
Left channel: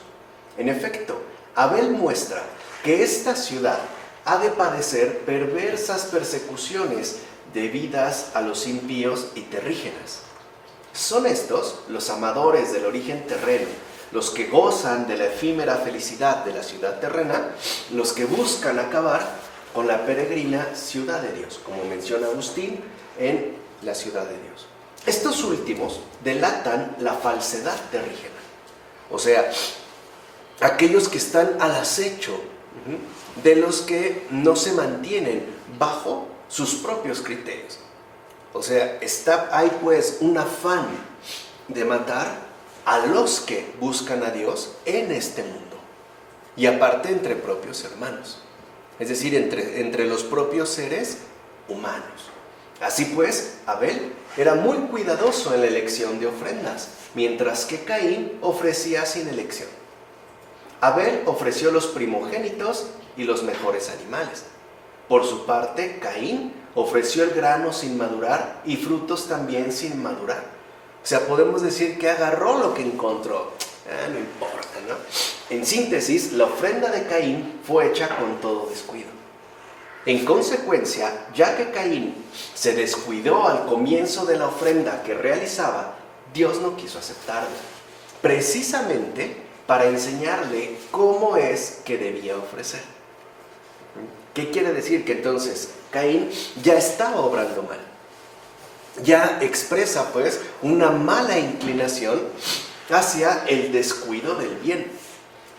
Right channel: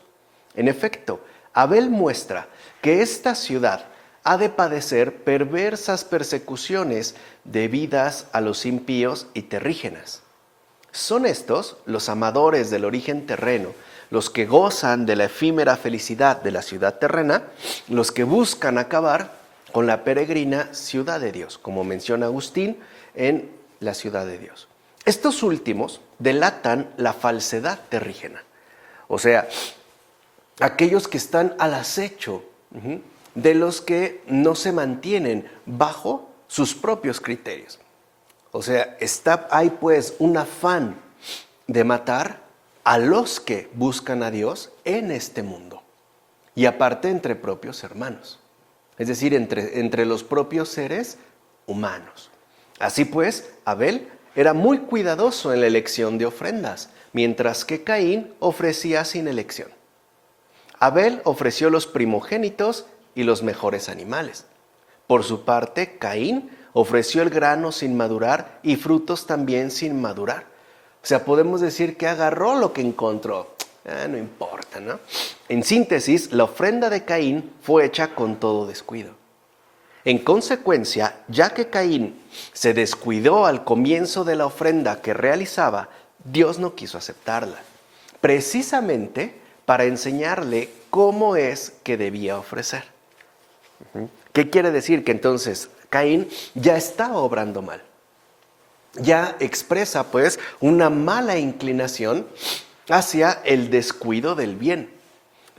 En efecto, Abel muestra que esta ciudad ha de padecer perversas persecuciones debidas a los impíos y terrígenas. Son estos, los amadores del origen terreno, los que gozan de la efímera felicidad de la ciudad terrena, los que buscan acabar con la peregrina ciudad de Dios, como menciona Agustín en la ciudad de Dios. Estos últimos delatan la falsedad terrígena, o sea, aquellos que están al acecho de los que no se mantienen bajo sus propios criterios. O sea, hay pues un afán de matar a los que buscan a Dios en este mundo. Y aparte entre propios hermanos. Es decir, entre los propios seres humanos. Así pues, Abel era muy cuidadoso en la elección de ofrendas, mientras que Caín ofrecía sin elección. Abel ofreció los primogénitos y los mejores animales. Por su parte, Caín ofreció el grano sin madurar y frutos también sin madurar. O sea, podemos decir que agarró lo que encontró. No importa, ¿no? En síntesis, la ofrenda de Caín fue hecha con todo descuido. En consecuencia, ya que Caín se descuidó al comienzo de la ofrenda que realizaba, Dios no quiso aceptarla, precisamente para enseñarle cómo es que debía ofrecer. ¿Qué quiere decir? Que entonces Caín ya estaba obrando mal. Ya expresa pues una mala inclinación hacia el descuido del bien.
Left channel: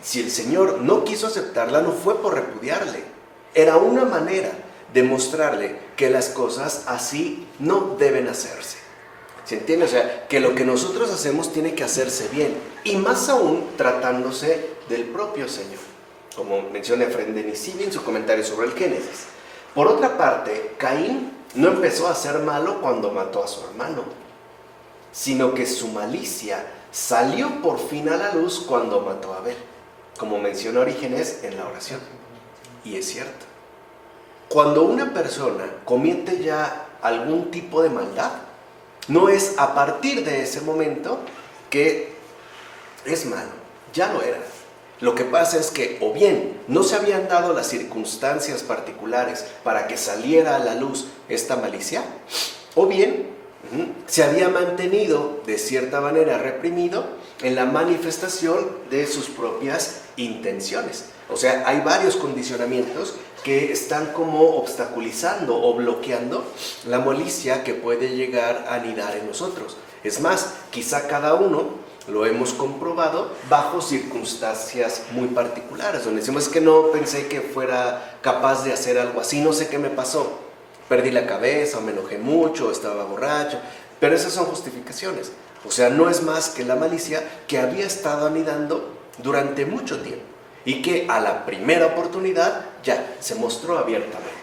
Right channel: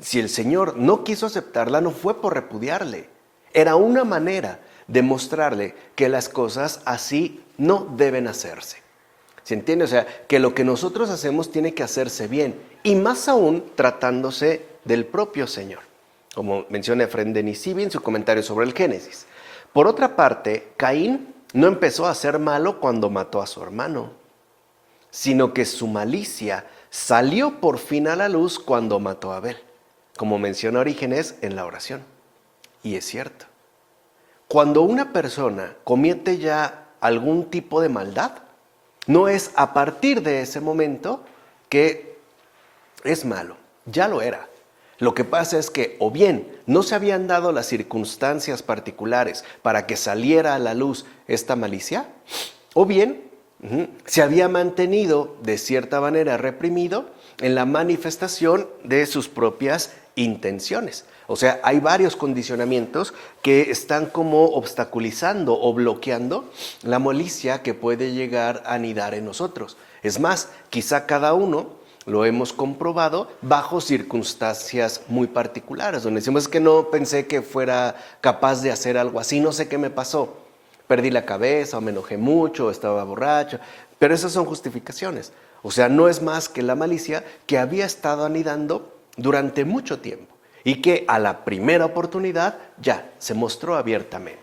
Si el Señor no quiso aceptarla, no fue por repudiarle. Era una manera de mostrarle que las cosas así no deben hacerse. ¿Se entiende? O sea, que lo que nosotros hacemos tiene que hacerse bien. Y más aún tratándose del propio Señor. Como menciona Efrén de Nisibi en su comentario sobre el Génesis. Por otra parte, Caín no empezó a ser malo cuando mató a su hermano, sino que su malicia salió por fin a la luz cuando mató a Abel, como menciona Orígenes en la oración. Y es cierto. Cuando una persona comete ya algún tipo de maldad, no es a partir de ese momento que es malo, ya lo era. Lo que pasa es que o bien no se habían dado las circunstancias particulares para que saliera a la luz esta malicia, o bien se había mantenido de cierta manera reprimido en la manifestación de sus propias intenciones. O sea, hay varios condicionamientos que están como obstaculizando o bloqueando la malicia que puede llegar a anidar en nosotros. Es más, quizá cada uno lo hemos comprobado bajo circunstancias muy particulares, donde decimos que no pensé que fuera capaz de hacer algo así, no sé qué me pasó, perdí la cabeza, o me enojé mucho, o estaba borracho, pero esas son justificaciones. O sea, no es más que la malicia que había estado anidando durante mucho tiempo y que a la primera oportunidad ya se mostró abiertamente.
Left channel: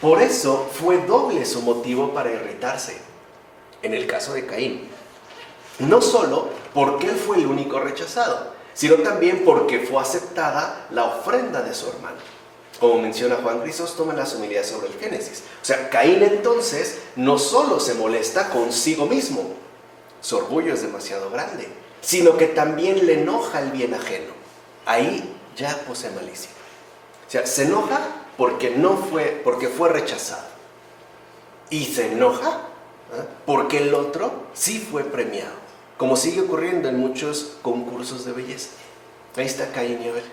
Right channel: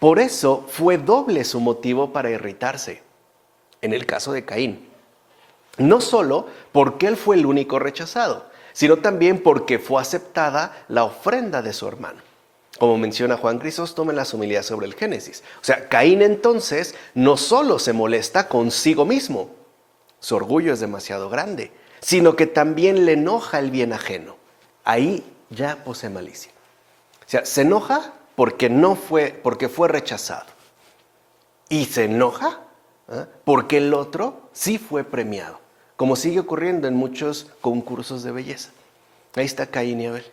Por eso fue doble su motivo para irritarse en el caso de Caín. No solo porque él fue el único rechazado, sino también porque fue aceptada la ofrenda de su hermano. Como menciona Juan Crisóstomo en las homilías sobre el Génesis. O sea, Caín entonces no solo se molesta consigo mismo, su orgullo es demasiado grande, sino que también le enoja el bien ajeno. Ahí ya posee malicia. O sea, se enoja porque fue rechazado. Y se enoja porque el otro sí fue premiado. Como sigue ocurriendo en muchos concursos de belleza. Ahí está Caín y Abel.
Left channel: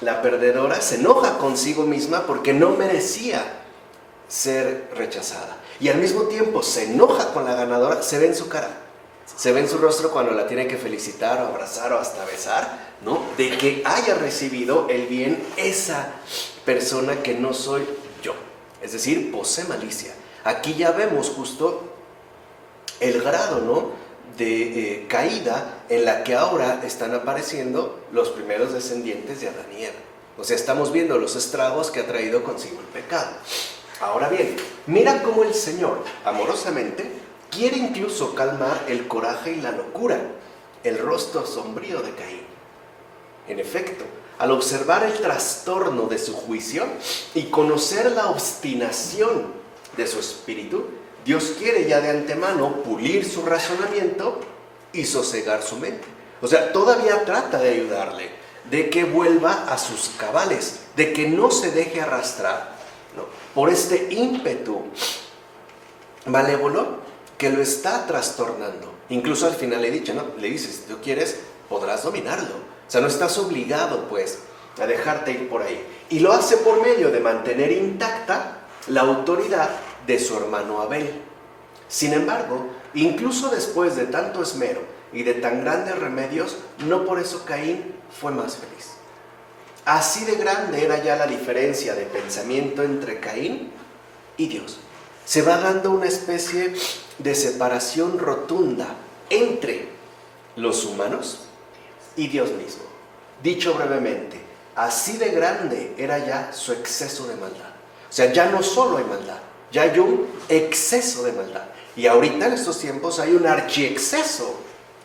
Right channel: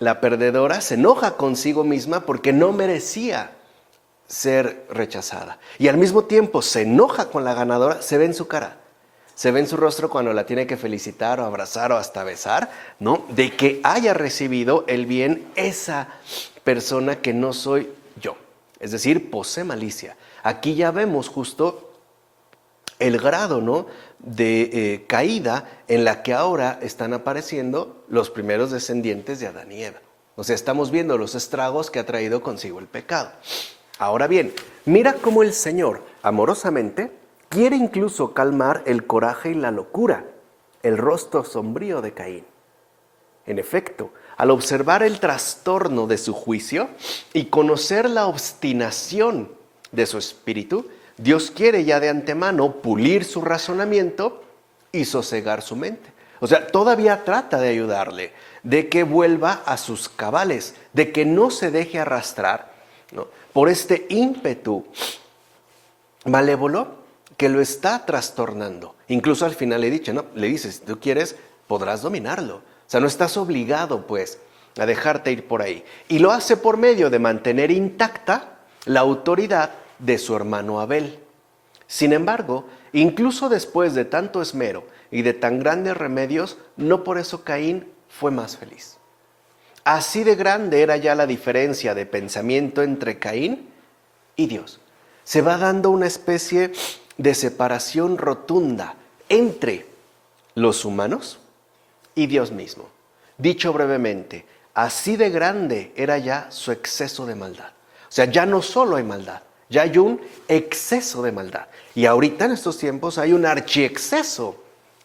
La perdedora se enoja consigo misma porque no merecía ser rechazada. Y al mismo tiempo se enoja con la ganadora, se ve en su cara. Se ve en su rostro cuando la tiene que felicitar o abrazar o hasta besar, ¿no? De que haya recibido el bien esa persona que no soy yo. Es decir, posee malicia. Aquí ya vemos justo el grado, ¿no?, de caída en la que ahora están apareciendo los primeros descendientes de Adán y Eva. O sea, estamos viendo los estragos que ha traído consigo el pecado. Ahora bien, mira cómo el Señor, amorosamente, quiere incluso calmar el coraje y la locura, el rostro sombrío de Caín. En efecto, al observar el trastorno de su juicio y conocer la obstinación de su espíritu, Dios quiere ya de antemano pulir su razonamiento y sosegar su mente. O sea, todavía trata de ayudarle, de que vuelva a sus cabales, de que no se deje arrastrar, ¿no?, por este ímpetu malévolo que lo está trastornando. Incluso al final le dices, si tú quieres, podrás dominarlo. O sea, no estás obligado, pues, a dejarte ir por ahí. Y lo hace por medio de mantener intacta la autoridad de su hermano Abel. Sin embargo, incluso después de tanto esmero y de tan grandes remedios, no por eso Caín fue más feliz. Así de grande era ya la diferencia de pensamiento entre Caín y Dios. Se va dando una especie de separación rotunda entre los humanos y Dios mismo. Dicho brevemente, así de grande era ya su exceso de maldad. O sea, ya no solo hay maldad, ya hay un exceso de maldad. Y ahorita en estos tiempos hay un archiexceso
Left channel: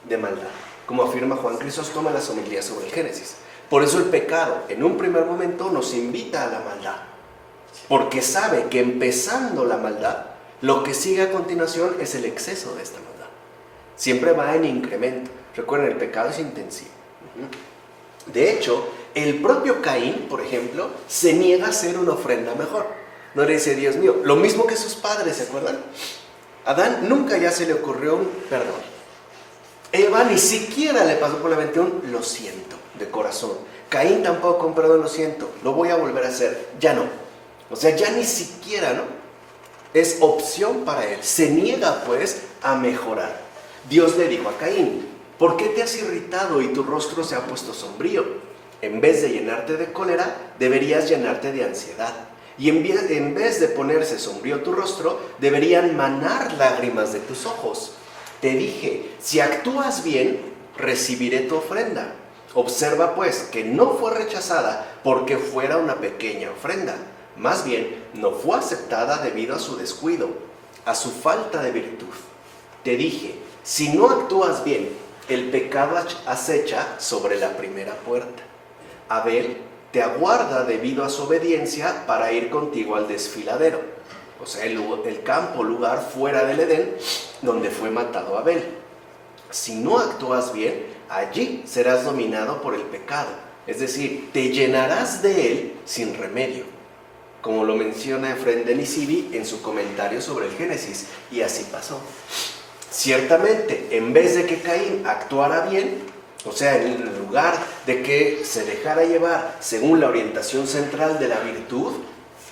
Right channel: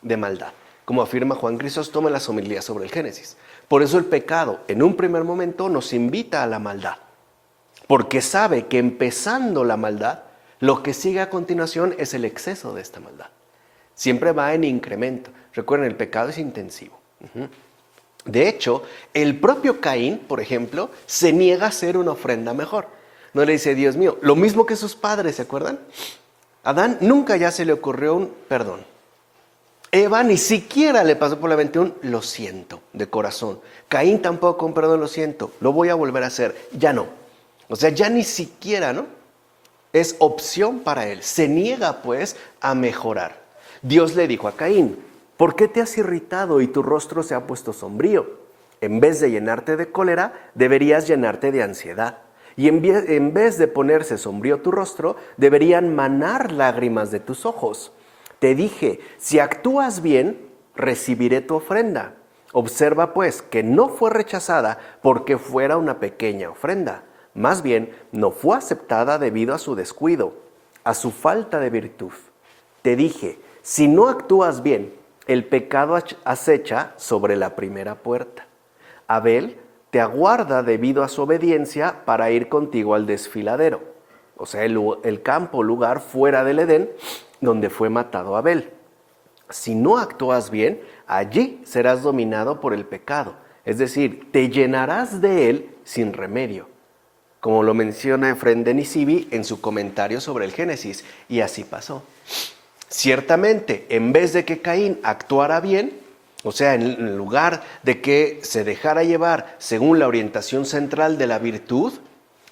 de maldad, como afirma Juan Crisóstomo en las homilías sobre el Génesis. Por eso el pecado, en un primer momento, nos invita a la maldad. Porque sabe que empezando la maldad, lo que sigue a continuación es el exceso de esta maldad. Siempre va en incremento. Recuerden, el pecado es intensivo. De hecho, el propio Caín, por ejemplo, se niega a hacer una ofrenda mejor. No le dice, Dios mío, lo mismo que sus padres, ¿se acuerdan? Adán nunca ya se le ocurrió un perdón. Eva ni siquiera le pasó por la mente un lo siento de corazón. Caín tampoco un perdón, lo siento, lo voy a volver a hacer. Ya no. O sea, ya ni siquiera, ¿no?, es opción para él. Se niega, pues, a mejorar. Dios le dijo a Caín, ¿por qué te has irritado y tu rostro se ha puesto sombrío? En vez de llenarte de cólera, deberías llenarte de ansiedad. Y en vez de ponerse sombrío tu rostro, deberían manar lágrimas de tus ojos. Te dije, si actúas bien, recibiré tu ofrenda. Observa, pues, que no fue rechazada porque fuera una pequeña ofrenda. Más bien, no fue aceptada debido a su descuido, a su falta de virtud. Te dije, si no actúas bien, el pecado acecha sobre la primera puerta. Abel te aguarda debido a su obediencia para ir contigo al desfiladero. O sea, el campo, lugar fuera del Edén, donde fue matado Abel. Si no actúas bien, allí serás dominado por el pecado. Es decir, te llenarás de él sin remedio. Como lo menciona Efrén de Nisibi en su comentario sobre el Génesis. Y así pasó. Ciertamente, en vez de que Caín actuara bien, o sea, en lugar de que se dejara llevar según la orientación central de la virtud,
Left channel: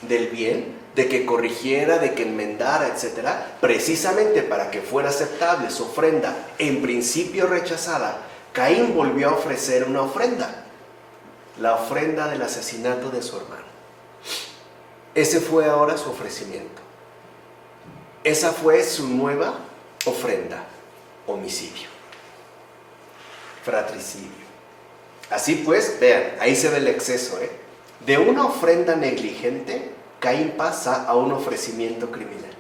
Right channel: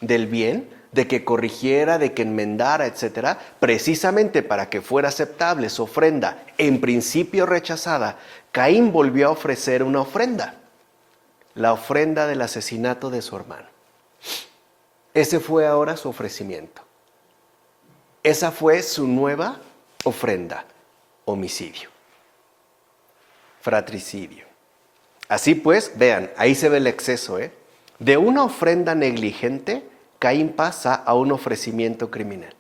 del bien, de que corrigiera, de que enmendara, etcétera, precisamente para que fuera aceptable su ofrenda, en principio rechazada, Caín volvió a ofrecer una ofrenda, la ofrenda del asesinato de su hermano. Ese fue ahora su ofrecimiento. Esa fue su nueva ofrenda, homicidio, fratricidio. Así pues, vean, ahí se ve el exceso, De una ofrenda negligente, Caín pasa a un ofrecimiento criminal.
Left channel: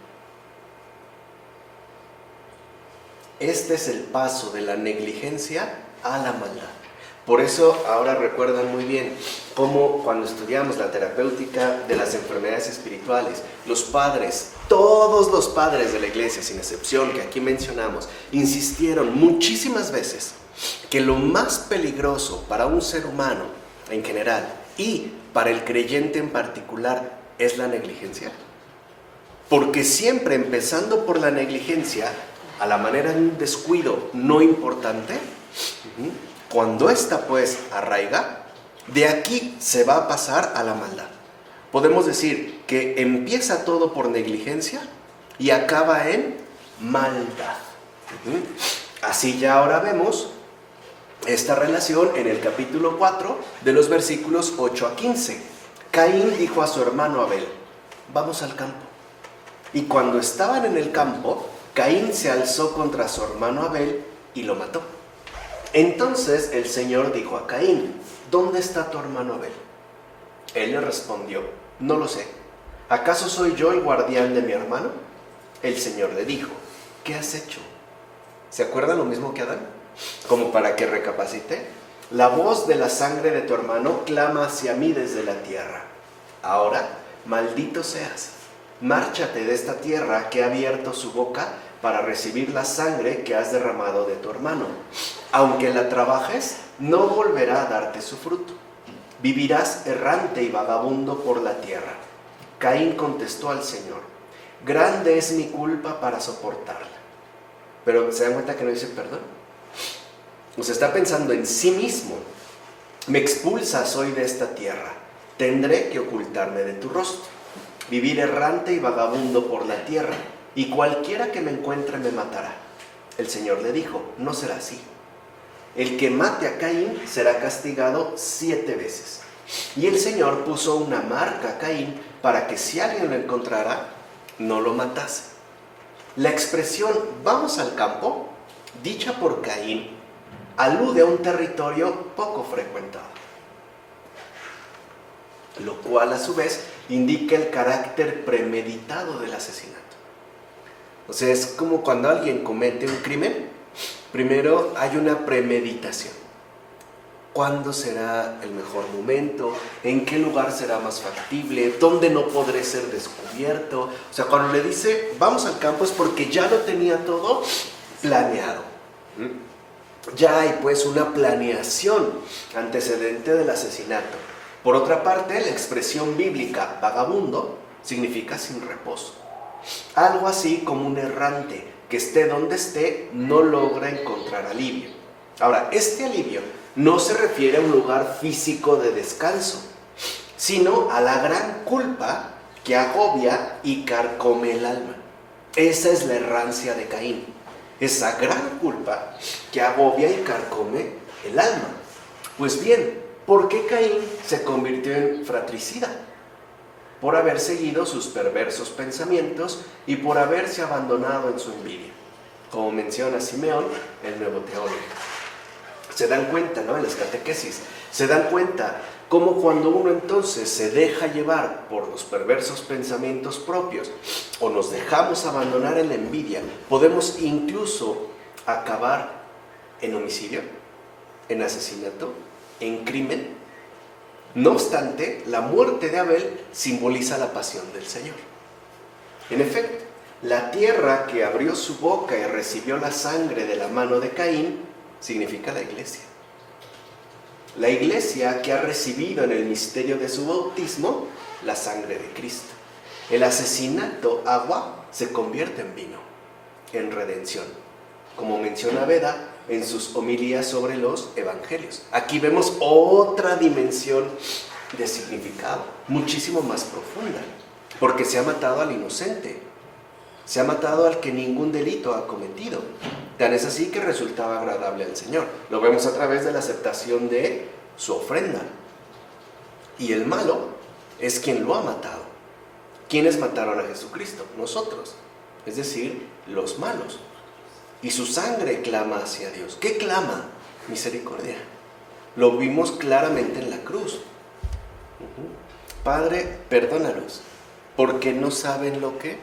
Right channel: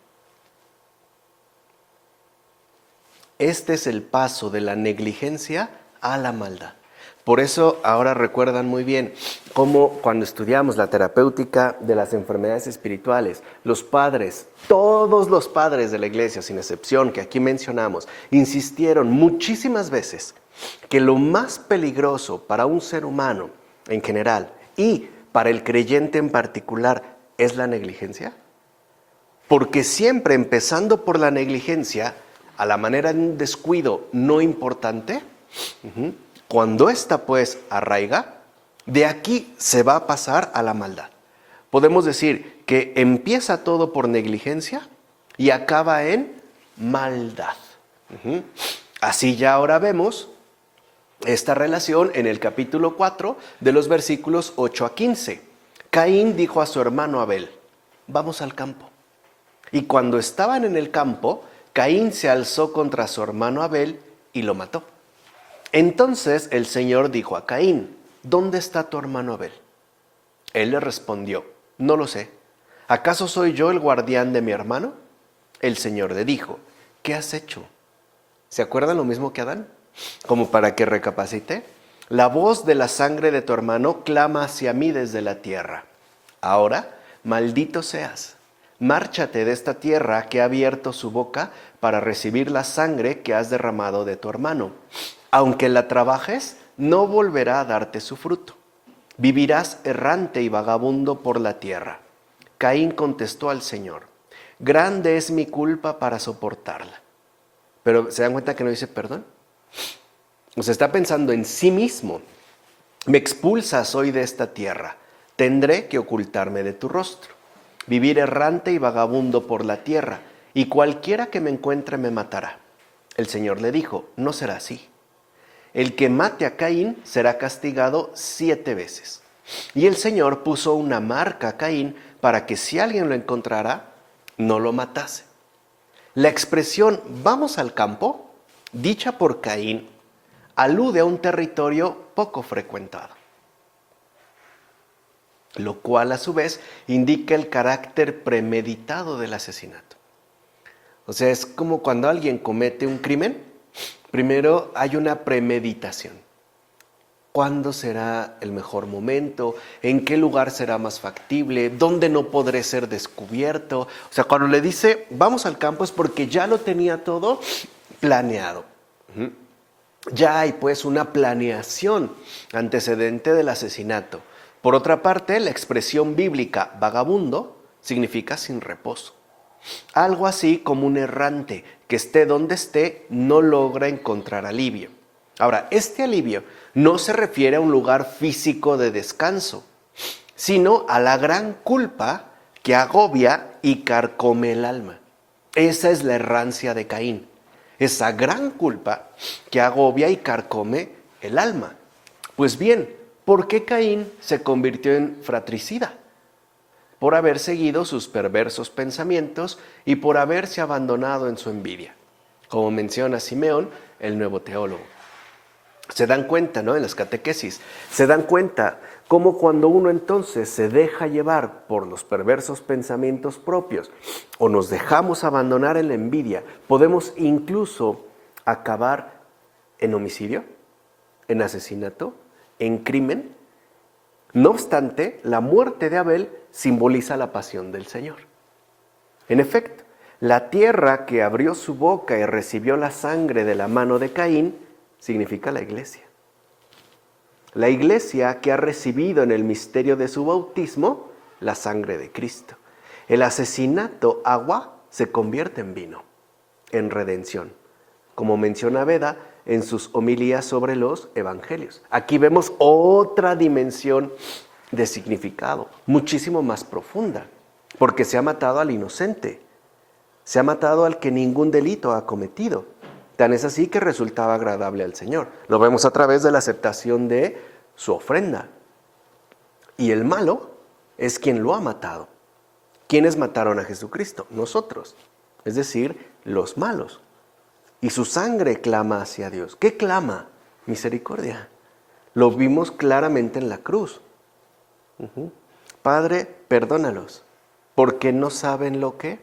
Este es el paso de la negligencia a la maldad. Por eso ahora recuerdan muy bien cómo cuando estudiamos la terapéutica de las enfermedades espirituales, los padres, todos los padres de la iglesia, sin excepción, que aquí mencionamos, insistieron muchísimas veces que lo más peligroso para un ser humano en general y para el creyente en particular es la negligencia. Porque siempre empezando por la negligencia, a la manera de un descuido no importante, cuando ésta pues arraiga, de aquí se va a pasar a la maldad. Podemos decir que empieza todo por negligencia y acaba en maldad. Así ya ahora vemos esta relación en el capítulo 4 de los versículos 8 a 15. Caín dijo a su hermano Abel: vamos al campo. Y cuando estaban en el campo, Caín se alzó contra su hermano Abel y lo mató. Entonces el Señor dijo a Caín: ¿dónde está tu hermano Abel? Él le respondió: no lo sé. ¿Acaso soy yo el guardián de mi hermano? El Señor le dijo: ¿qué has hecho? ¿Se acuerdan lo mismo que Adán? Como para que recapacite. La voz de la sangre de tu hermano clama hacia mí desde la tierra. Ahora, maldito seas. Márchate de esta tierra que ha abierto su boca para recibir la sangre que has derramado de tu hermano. Aunque la trabajes, no volverá a darte su fruto. Vivirás errante y vagabundo por la tierra. Caín contestó al Señor: grande es mi culpa para soportarla. Pero ¿se dan cuenta que no dice perdón? O sea, está pensando en sí mismo. Me expulsas hoy de esta tierra. Tendré que ocultarme de tu rostro. Vivir errante y vagabundo por la tierra. Y cualquiera que me encuentre me matará. El Señor le dijo: no será así. El que mate a Caín será castigado 7 veces. Y el Señor puso una marca a Caín para que si alguien lo encontrara, no lo matase. La expresión vamos al campo, dicha por Caín, alude a un territorio poco frecuentado, lo cual a su vez indica el carácter premeditado del asesinato. O sea, es como cuando alguien comete un crimen, primero hay una premeditación. ¿Cuándo será el mejor momento? ¿En qué lugar será más factible? ¿Dónde no podré ser descubierto? O sea, cuando le dice vamos al campo es porque ya lo tenía todo planeado. Ya hay pues una planeación antecedente del asesinato. Por otra parte, la expresión bíblica vagabundo significa sin reposo. Algo así como un errante que esté donde esté no logra encontrar alivio. Ahora, este alivio no se refiere a un lugar físico de descanso, sino a la gran culpa que agobia y carcome el alma. Esa es la errancia de Caín. Esa gran culpa que agobia y carcome el alma. Pues bien, ¿por qué Caín se convirtió en fratricida? Por haber seguido sus perversos pensamientos y por haberse abandonado en su envidia, como menciona Simeón, el nuevo teólogo. Se dan cuenta, ¿no? En las catequesis, se dan cuenta cómo cuando uno entonces se deja llevar por los perversos pensamientos propios o nos dejamos abandonar en la envidia, podemos incluso acabar en homicidio, en asesinato, en crimen. No obstante, la muerte de Abel simboliza la pasión del Señor. En efecto, la tierra que abrió su boca y recibió la sangre de la mano de Caín significa la iglesia. La iglesia que ha recibido en el misterio de su bautismo la sangre de Cristo. El asesinato, agua, se convierte en vino, en redención, como menciona Beda en sus homilías sobre los evangelios. Aquí vemos otra dimensión de significado, muchísimo más profunda, porque se ha matado al inocente, se ha matado al que ningún delito ha cometido. Tan es así que resultaba agradable al Señor. Lo vemos a través de la aceptación de su ofrenda. Y el malo es quien lo ha matado. ¿Quiénes mataron a Jesucristo? Nosotros, es decir, los malos. Y su sangre clama hacia Dios. ¿Qué clama? Misericordia. Lo vimos claramente en la cruz. Padre, perdónalos, porque no saben lo que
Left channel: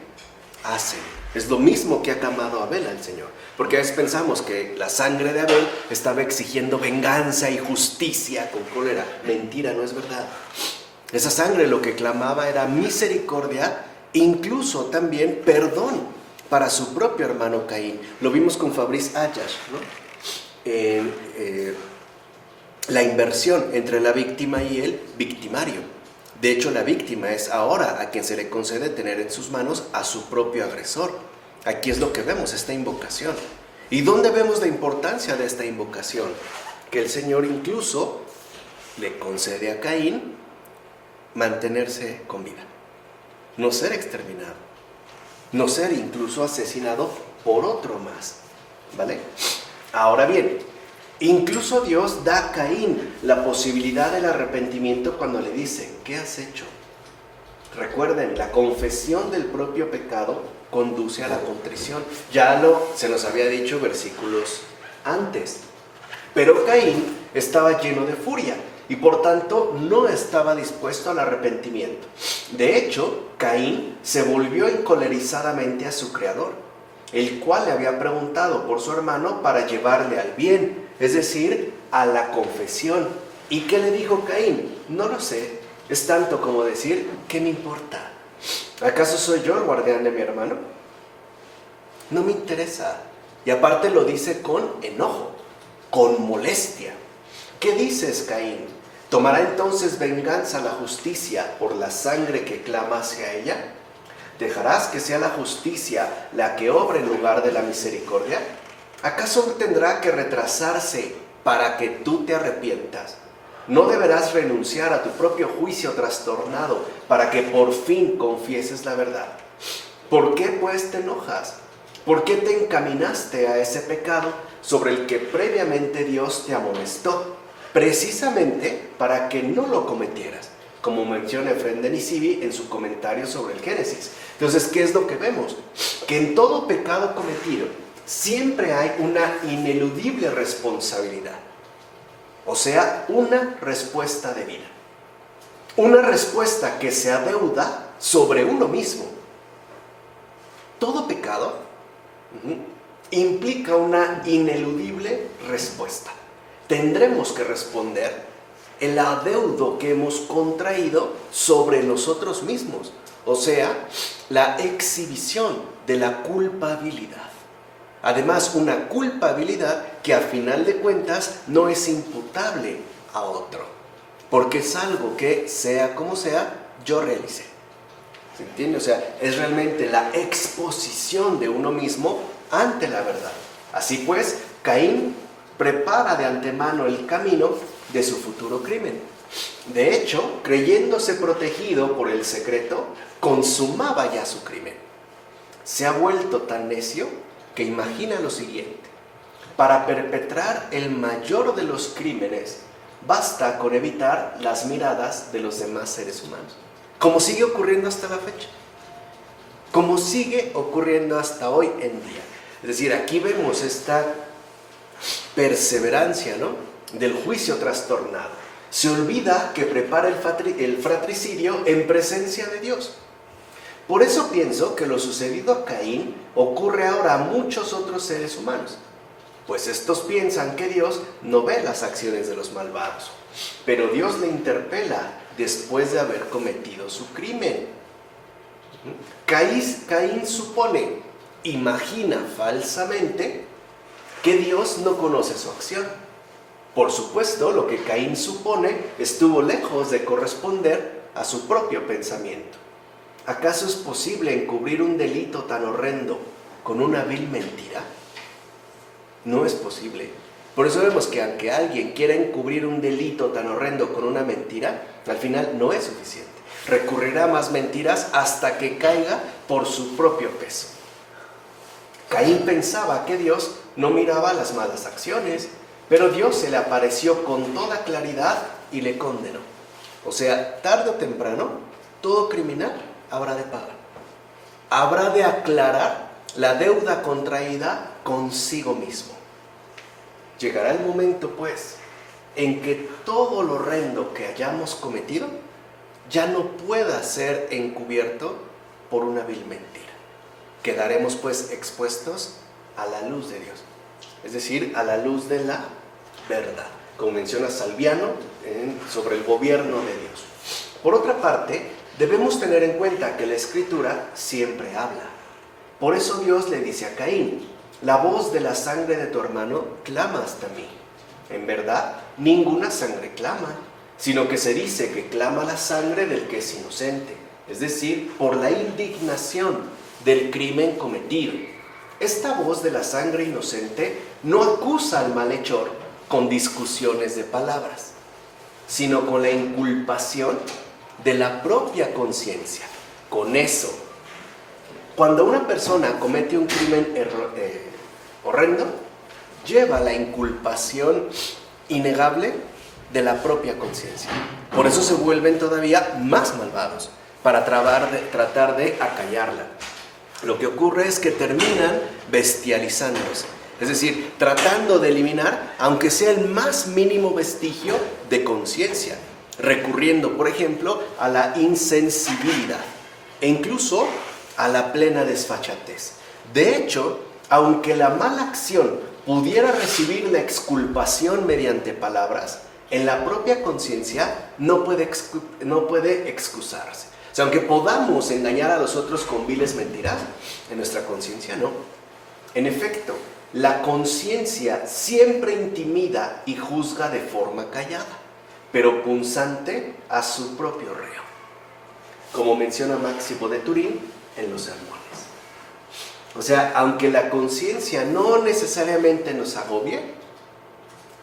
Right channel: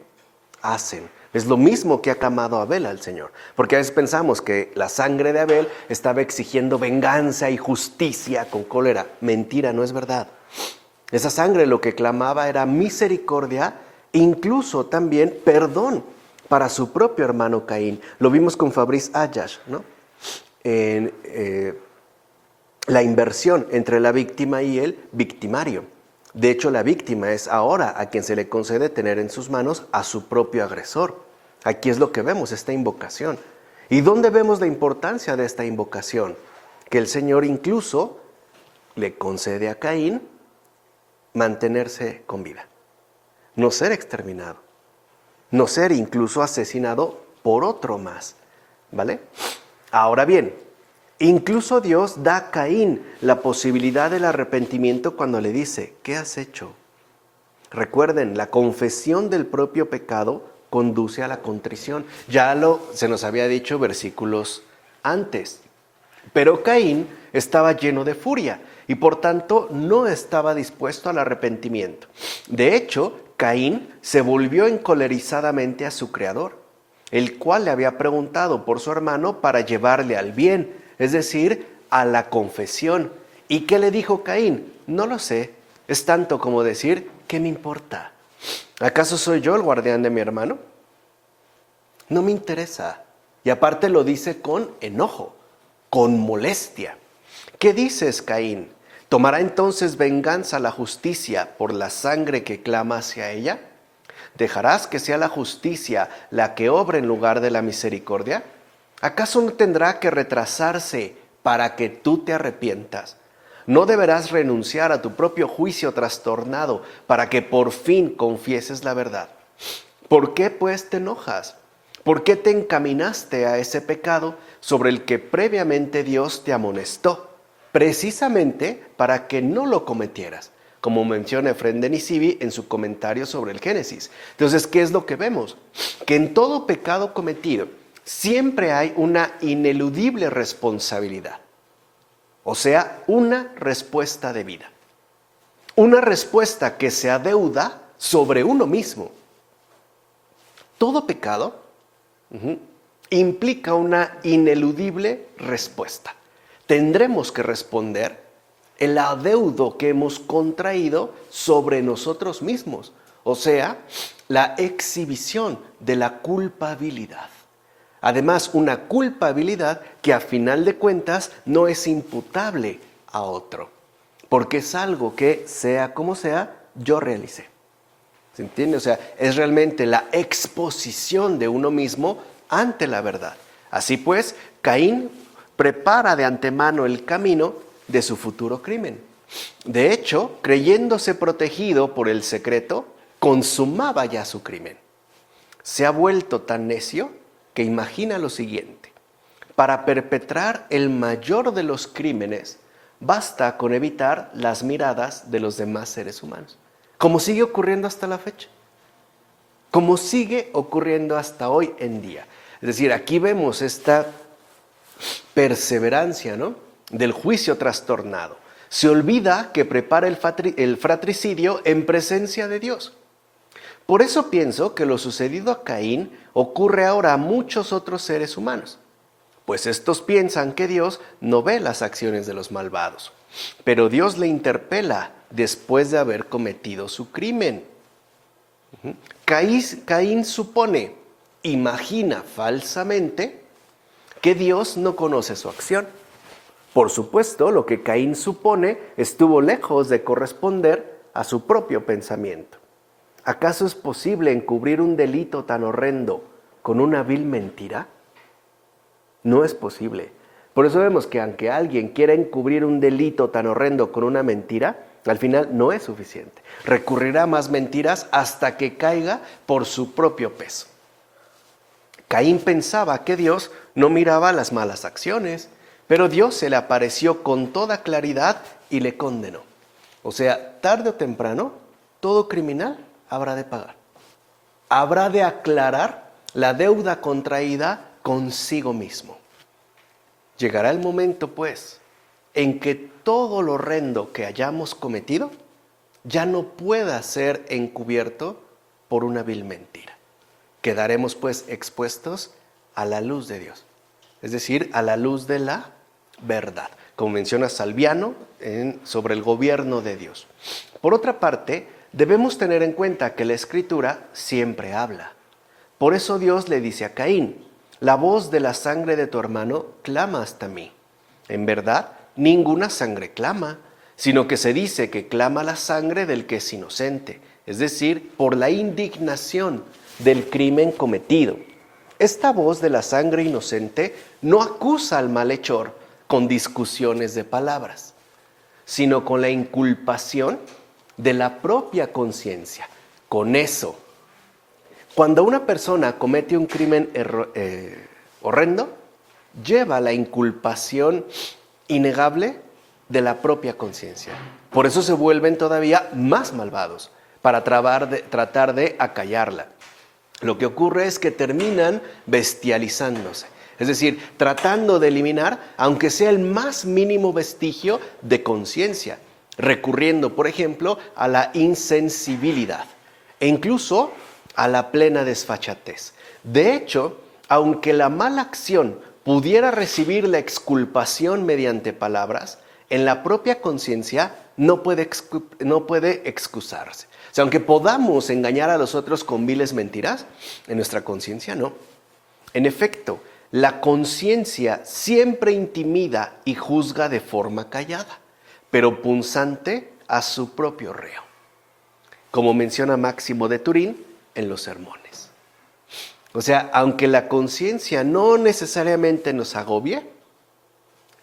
hacen. Es lo mismo que ha clamado Abel al Señor. Porque a veces pensamos que la sangre de Abel estaba exigiendo venganza y justicia con cólera. Mentira, no es verdad. Esa sangre lo que clamaba era misericordia, incluso también perdón para su propio hermano Caín. Lo vimos con Fabrice Ayash, ¿no? La inversión entre la víctima y el victimario. De hecho, la víctima es ahora a quien se le concede tener en sus manos a su propio agresor. Aquí es lo que vemos, esta invocación. ¿Y dónde vemos la importancia de esta invocación? Que el Señor incluso le concede a Caín mantenerse con vida, no ser exterminado, no ser incluso asesinado por otro más, ¿vale? Ahora bien, incluso Dios da a Caín la posibilidad del arrepentimiento cuando le dice, ¿qué has hecho? Recuerden, la confesión del propio pecado conduce a la contrición. Se nos había dicho versículos antes. Pero Caín estaba lleno de furia y por tanto no estaba dispuesto al arrepentimiento. De hecho, Caín se volvió encolerizadamente a su creador, el cual le había preguntado por su hermano para llevarle al bien, es decir, a la confesión. ¿Y qué le dijo Caín? No lo sé, es tanto como decir, ¿qué me importa? ¿Acaso soy yo el guardián de mi hermano? No me interesa. Y aparte lo dice con enojo, con molestia. ¿Qué dices, Caín? ¿Tomará entonces venganza la justicia por la sangre que clama hacia ella? ¿Dejarás que sea la justicia la que obre en lugar de la misericordia? ¿Acaso no tendrá que retrasarse para que tú te arrepientas? ¿No deberás renunciar a tu propio juicio trastornado para que por fin confieses la verdad? ¿Por qué pues te enojas? ¿Por qué te encaminaste a ese pecado sobre el que previamente Dios te amonestó? Precisamente para que no lo cometieras, como menciona Efrén de Nisibi en su comentario sobre el Génesis. Entonces, ¿qué es lo que vemos? Que en todo pecado cometido siempre hay una ineludible responsabilidad. O sea, una respuesta debida. Una respuesta que se adeuda sobre uno mismo. Todo pecado implica una ineludible respuesta. Tendremos que responder el adeudo que hemos contraído sobre nosotros mismos. O sea, la exhibición de la culpabilidad. Además, una culpabilidad que a final de cuentas no es imputable a otro, porque es algo que, sea como sea, yo realicé. ¿Se entiende? O sea, es realmente la exposición de uno mismo ante la verdad. Así pues, Caín prepara de antemano el camino de su futuro crimen. De hecho, creyéndose protegido por el secreto, consumaba ya su crimen. Se ha vuelto tan necio que imagina lo siguiente: para perpetrar el mayor de los crímenes, basta con evitar las miradas de los demás seres humanos. Como sigue ocurriendo hasta la fecha. Como sigue ocurriendo hasta hoy en día. Es decir, aquí vemos esta perseverancia, ¿no?, del juicio trastornado. Se olvida que prepara el fratricidio en presencia de Dios. Por eso pienso que lo sucedido a Caín ocurre ahora a muchos otros seres humanos, pues estos piensan que Dios no ve las acciones de los malvados, pero Dios le interpela después de haber cometido su crimen. Caín supone, imagina falsamente que Dios no conoce su acción. Por supuesto, lo que Caín supone estuvo lejos de corresponder a su propio pensamiento. ¿Acaso es posible encubrir un delito tan horrendo con una vil mentira? No es posible. Por eso vemos que aunque alguien quiera encubrir un delito tan horrendo con una mentira, al final no es suficiente. Recurrirá a más mentiras hasta que caiga por su propio peso. Caín pensaba que Dios no miraba las malas acciones, pero Dios se le apareció con toda claridad y le condenó. O sea, tarde o temprano, todo criminal habrá de pagar. Habrá de aclarar la deuda contraída consigo mismo. Llegará el momento, pues, en que todo lo horrendo que hayamos cometido ya no pueda ser encubierto por una vil mentira. Quedaremos, pues, expuestos a la luz de Dios, es decir, a la luz de la verdad, como menciona Salviano sobre el gobierno de Dios. Por otra parte, debemos tener en cuenta que la Escritura siempre habla. Por eso Dios le dice a Caín: la voz de la sangre de tu hermano clama hasta mí. En verdad, ninguna sangre clama, sino que se dice que clama la sangre del que es inocente, es decir, por la indignación del crimen cometido. Esta voz de la sangre inocente no acusa al malhechor con discusiones de palabras, sino con la inculpación de la propia conciencia. Con eso, cuando una persona comete un crimen horrendo, lleva la inculpación innegable de la propia conciencia. Por eso se vuelven todavía más malvados, para tratar de acallarla. Lo que ocurre es que terminan bestializándose, es decir, tratando de eliminar, aunque sea el más mínimo vestigio de conciencia, recurriendo, por ejemplo, a la insensibilidad e incluso a la plena desfachatez. De hecho, aunque la mala acción pudiera recibir la exculpación mediante palabras, en la propia conciencia no puede excusarse. O sea, aunque podamos engañar a los otros con viles mentiras, en nuestra conciencia no. En efecto, la conciencia siempre intimida y juzga de forma callada, pero punzante a su propio reo, como menciona Máximo de Turín en los sermones. O sea, aunque la conciencia no necesariamente nos agobie,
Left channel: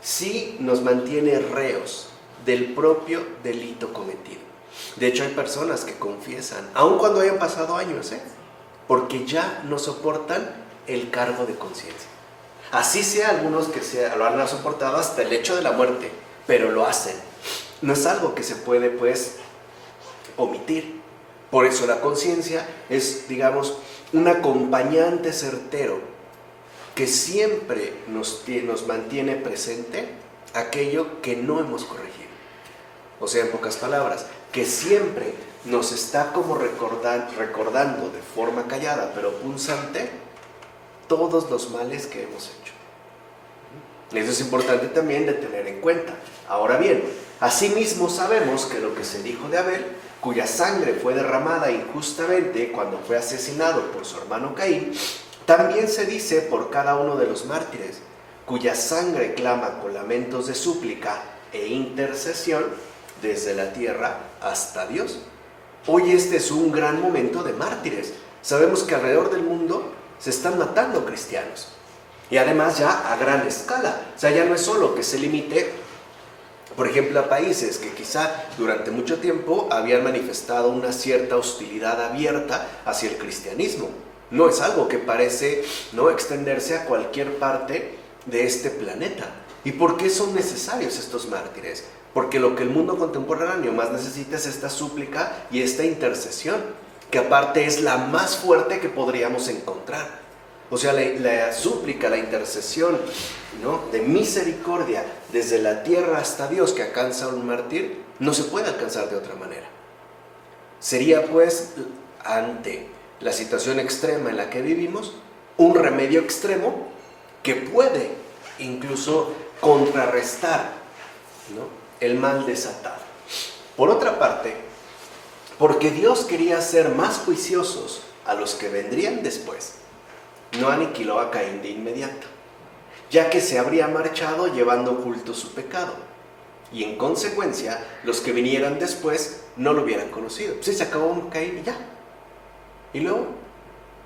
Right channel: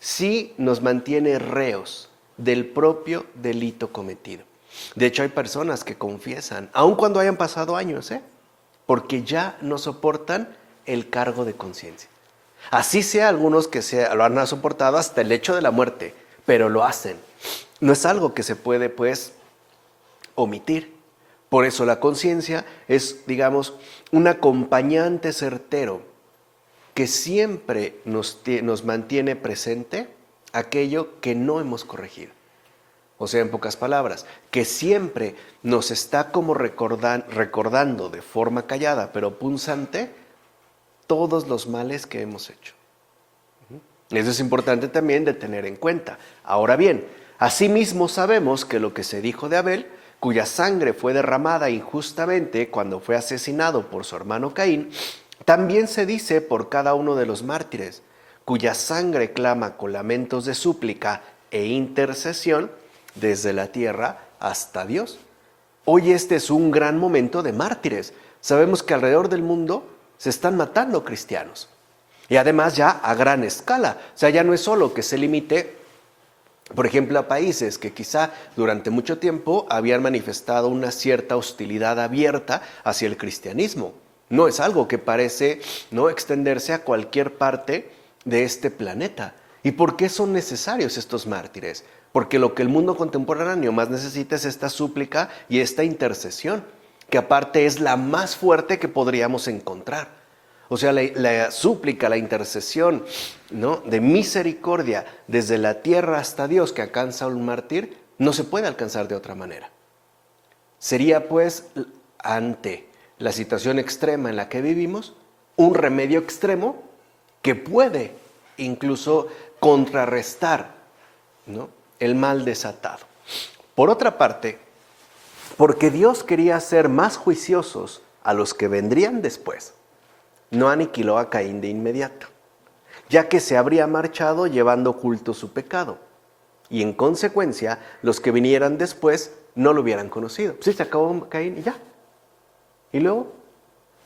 sí nos mantiene reos del propio delito cometido. De hecho, hay personas que confiesan, aun cuando hayan pasado años, porque ya no soportan el cargo de conciencia. Así sea algunos que lo han soportado hasta el hecho de la muerte, pero lo hacen. No es algo que se puede, pues, omitir. Por eso la conciencia es, digamos, un acompañante certero que siempre nos mantiene presente aquello que no hemos corregido. O sea, en pocas palabras, que siempre nos está como recordando de forma callada, pero punzante, todos los males que hemos hecho. Eso es importante también de tener en cuenta. Ahora bien, asimismo sabemos que lo que se dijo de Abel, cuya sangre fue derramada injustamente cuando fue asesinado por su hermano Caín, también se dice por cada uno de los mártires, cuya sangre clama con lamentos de súplica e intercesión desde la tierra hasta Dios. Hoy este es un gran momento de mártires. Sabemos que alrededor del mundo se están matando cristianos. Y además ya a gran escala. O sea, ya no es solo que se limite, por ejemplo, a países que quizá durante mucho tiempo habían manifestado una cierta hostilidad abierta hacia el cristianismo. No es algo que parece no extenderse a cualquier parte de este planeta. ¿Y por qué son necesarios estos mártires? Porque lo que el mundo contemporáneo más necesita es esta súplica y esta intercesión, que aparte es la más fuerte que podríamos encontrar. O sea, la súplica, la intercesión, ¿no?, de misericordia desde la tierra hasta Dios que alcanza un mártir, no se puede alcanzar de otra manera. Sería, pues, ante la situación extrema en la que vivimos, un remedio extremo que puede incluso contrarrestar, ¿no?, el mal desatado. Por otra parte, porque Dios quería ser más juiciosos a los que vendrían después, no aniquiló a Caín de inmediato, ya que se habría marchado llevando oculto su pecado, y en consecuencia los que vinieran después no lo hubieran conocido. Sí, se acabó Caín y ya. Y luego,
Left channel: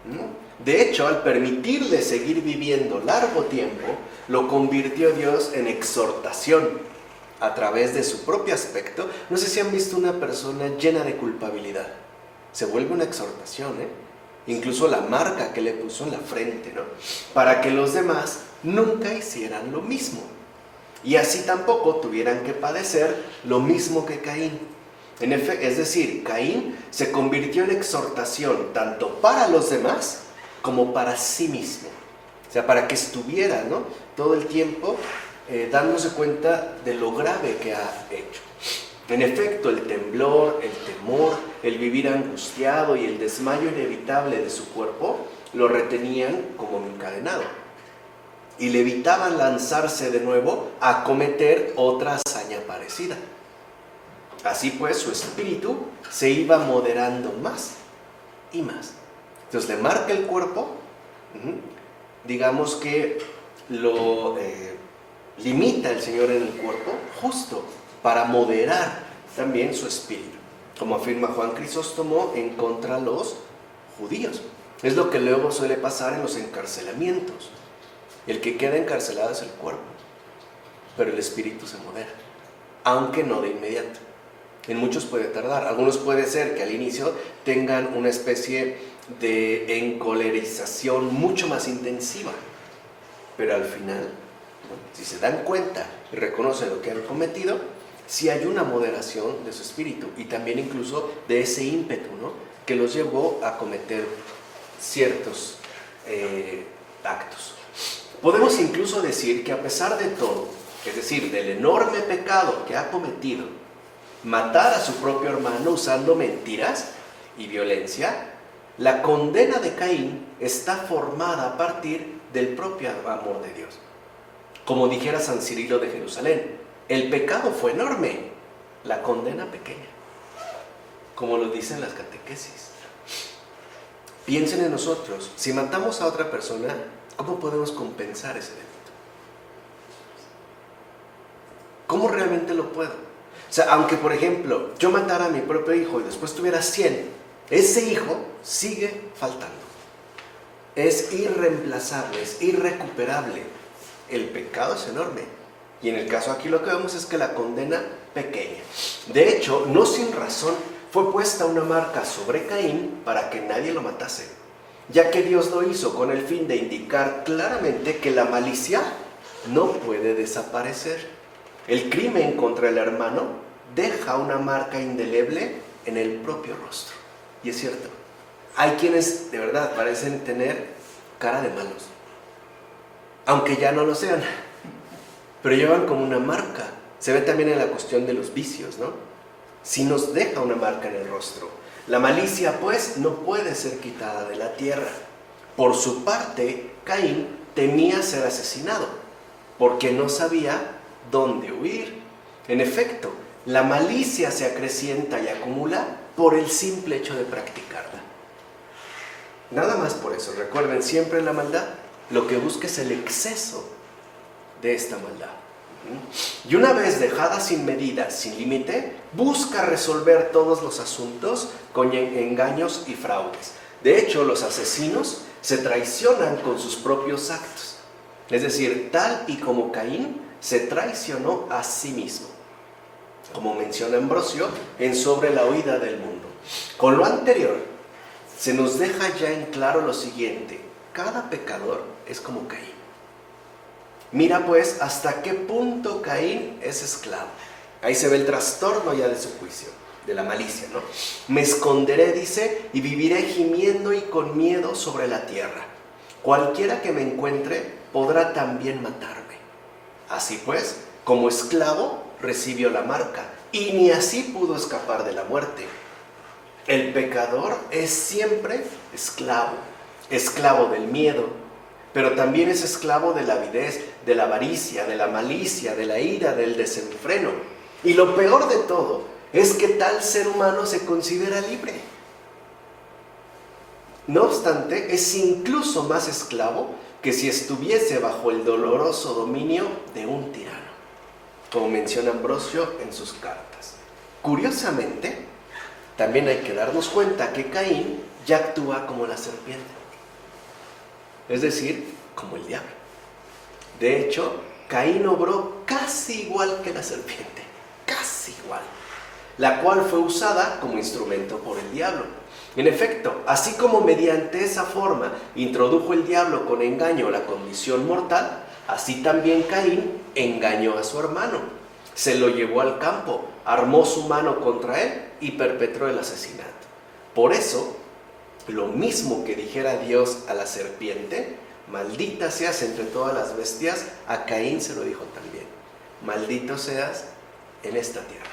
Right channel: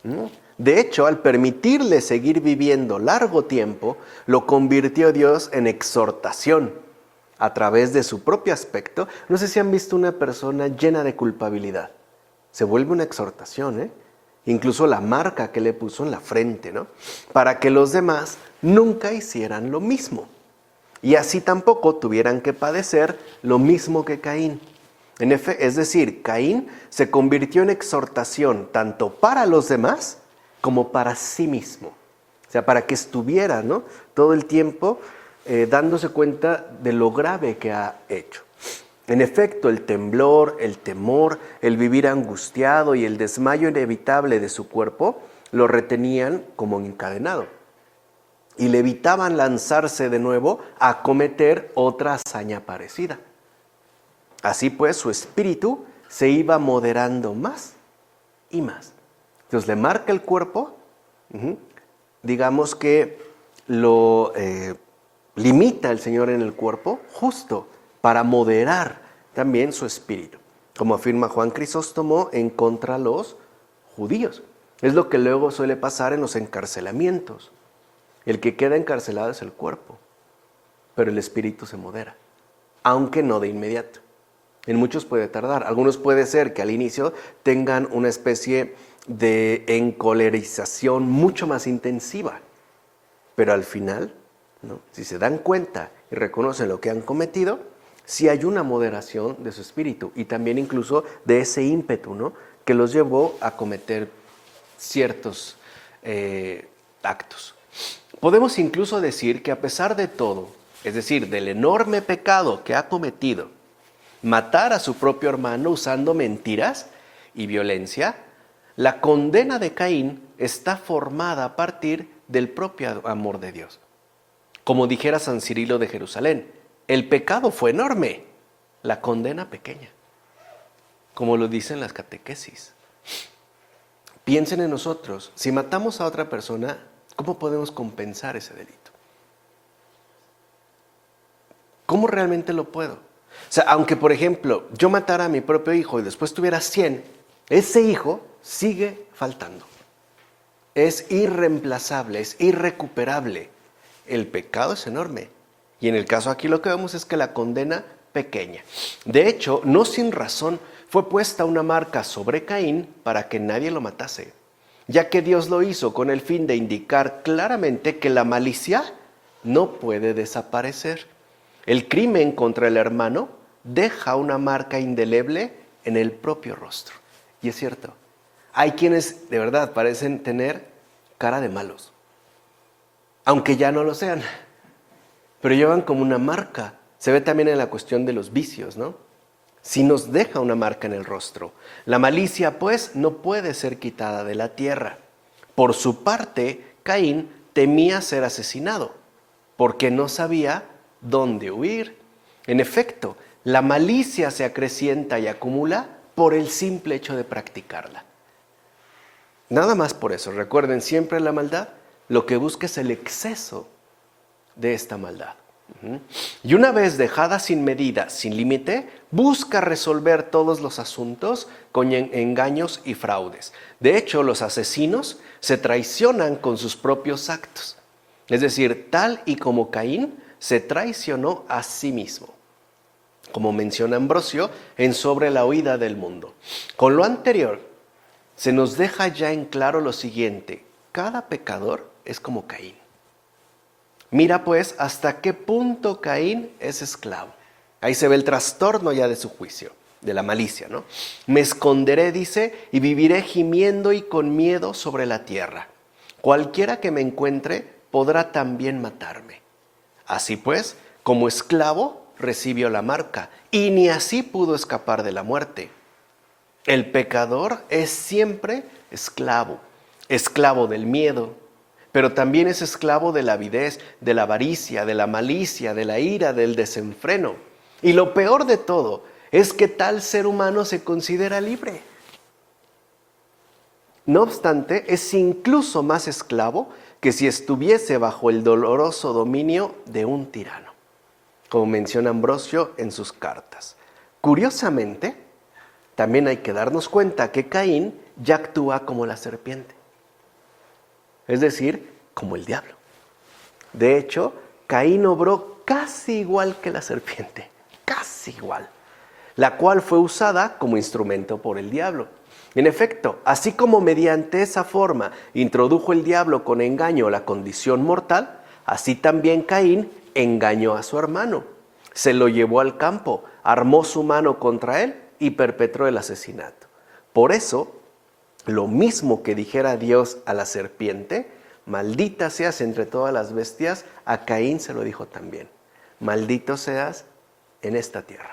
¿no? De hecho, al permitirle seguir viviendo largo tiempo, lo convirtió Dios en exhortación a través de su propio aspecto. No sé si han visto una persona llena de culpabilidad. Se vuelve una exhortación, ¿eh? Incluso la marca que le puso en la frente, ¿no? Para que los demás nunca hicieran lo mismo. Y así tampoco tuvieran que padecer lo mismo que Caín. Es decir, Caín se convirtió en exhortación tanto para los demás como para sí mismo. O sea, para que estuviera, ¿no?, todo el tiempo dándose cuenta de lo grave que ha hecho. En efecto, el temblor, el temor, el vivir angustiado y el desmayo inevitable de su cuerpo lo retenían como encadenado y le evitaban lanzarse de nuevo a cometer otra hazaña parecida. Así pues, su espíritu se iba moderando más y más. Entonces le marca el cuerpo, digamos que lo limita el Señor en el cuerpo justo para moderar también su espíritu, como afirma Juan Crisóstomo en contra los judíos. Es lo que luego suele pasar en los encarcelamientos. El que queda encarcelado es el cuerpo, pero el espíritu se modera, aunque no de inmediato. En muchos puede tardar. Algunos puede ser que al inicio tengan una especie de encolerización mucho más intensiva, pero al final, ¿no?, si se dan cuenta y reconocen lo que han cometido, sí hay una moderación de su espíritu y también incluso de ese ímpetu, ¿no?, que los llevó a cometer ciertos actos. Podemos incluso decir que a pesar de todo, es decir, del enorme pecado que ha cometido, matar a su propio hermano usando mentiras y violencia, la condena de Caín está formada a partir del propio amor de Dios. Como dijera San Cirilo de Jerusalén, el pecado fue enorme, la condena pequeña, como lo dicen las catequesis. Piensen en nosotros, si matamos a otra persona, ¿cómo podemos compensar ese delito? ¿Cómo realmente lo puedo? O sea, aunque por ejemplo yo matara a mi propio hijo y después tuviera 100, ese hijo sigue faltando. Es irreemplazable, es irrecuperable. El pecado es enorme. Y en el caso aquí lo que vemos es que la condena pequeña. De hecho, no sin razón fue puesta una marca sobre Caín para que nadie lo matase, ya que Dios lo hizo con el fin de indicar claramente que la malicia no puede desaparecer. El crimen contra el hermano deja una marca indeleble en el propio rostro. Y es cierto, hay quienes de verdad parecen tener cara de malos, aunque ya no lo sean, pero llevan como una marca. Se ve también en la cuestión de los vicios, ¿no? Si nos deja una marca en el rostro. La malicia, pues, no puede ser quitada de la tierra. Por su parte, Caín temía ser asesinado, porque no sabía dónde huir. En efecto, la malicia se acrecienta y acumula por el simple hecho de practicarla. Nada más por eso. Recuerden, siempre en la maldad, lo que busca es el exceso de esta maldad. Y una vez dejada sin medida, sin límite, busca resolver todos los asuntos con engaños y fraudes. De hecho, los asesinos se traicionan con sus propios actos. Es decir, tal y como Caín se traicionó a sí mismo, como menciona Ambrosio en Sobre la huida del mundo. Con lo anterior, se nos deja ya en claro lo siguiente: cada pecador es como Caín. Mira pues hasta qué punto Caín es esclavo. Ahí se ve el trastorno ya de su juicio, de la malicia, ¿no? Me esconderé, dice, y viviré gimiendo y con miedo sobre la tierra. Cualquiera que me encuentre podrá también matarme. Así pues, como esclavo recibió la marca, y ni así pudo escapar de la muerte. El pecador es siempre esclavo, esclavo del miedo, pero también es esclavo de la avidez, de la avaricia, de la malicia, de la ira, del desenfreno. Y lo peor de todo es que tal ser humano se considera libre. No obstante, es incluso más esclavo que si estuviese bajo el doloroso dominio de un tirano, como menciona Ambrosio en sus cartas. Curiosamente, también hay que darnos cuenta que Caín ya actúa como la serpiente. es decir, como el diablo. De hecho, Caín obró casi igual que la serpiente, casi igual, la cual fue usada como instrumento por el diablo. En efecto, así como mediante esa forma introdujo el diablo con engaño la condición mortal, así también Caín engañó a su hermano. Se lo llevó al campo, armó su mano contra él y perpetró el asesinato. Por eso, lo mismo que dijera Dios a la serpiente, maldita seas entre todas las bestias, a Caín se lo dijo también. Maldito seas en esta tierra.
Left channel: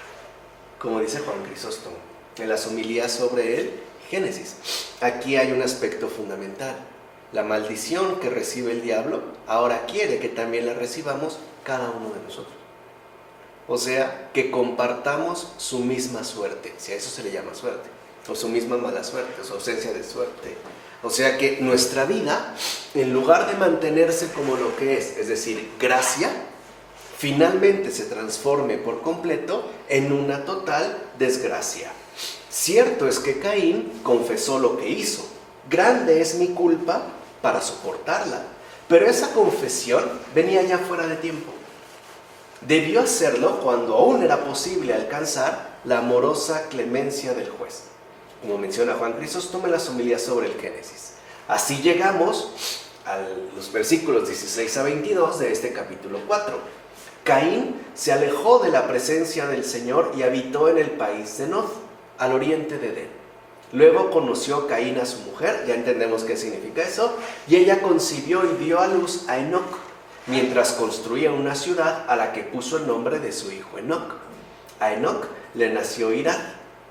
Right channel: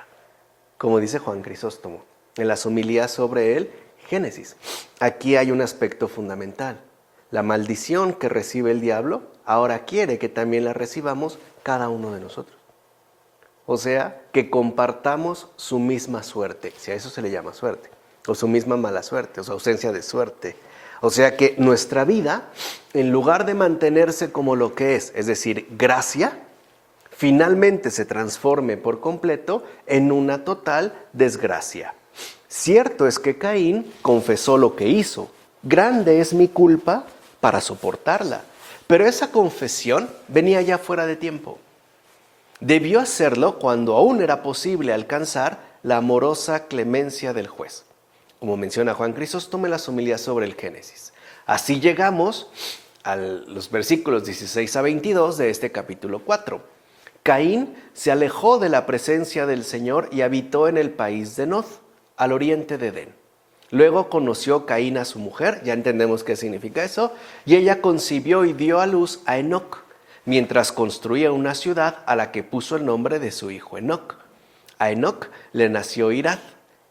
Como dice Juan Crisóstomo en las homilías sobre el Génesis. Aquí hay un aspecto fundamental. La maldición que recibe el diablo ahora quiere que también la recibamos cada uno de nosotros. O sea, que compartamos su misma suerte, si a eso se le llama suerte, o su misma mala suerte, o su ausencia de suerte. O sea que nuestra vida, en lugar de mantenerse como lo que es decir, gracia, finalmente se transforme por completo en una total desgracia. Cierto es que Caín confesó lo que hizo. Grande es mi culpa para soportarla. Pero esa confesión venía ya fuera de tiempo. Debió hacerlo cuando aún era posible alcanzar la amorosa clemencia del juez. Como menciona Juan Crisóstomo en las homilías sobre el Génesis. Así llegamos a los versículos 16 a 22 de este capítulo 4. Caín se alejó de la presencia del Señor y habitó en el país de Nod, al oriente de Edén. Luego conoció Caín a su mujer, ya entendemos qué significa eso, y ella concibió y dio a luz a Enoc, mientras construía una ciudad a la que puso el nombre de su hijo Enoc. A Enoc le nació Irad.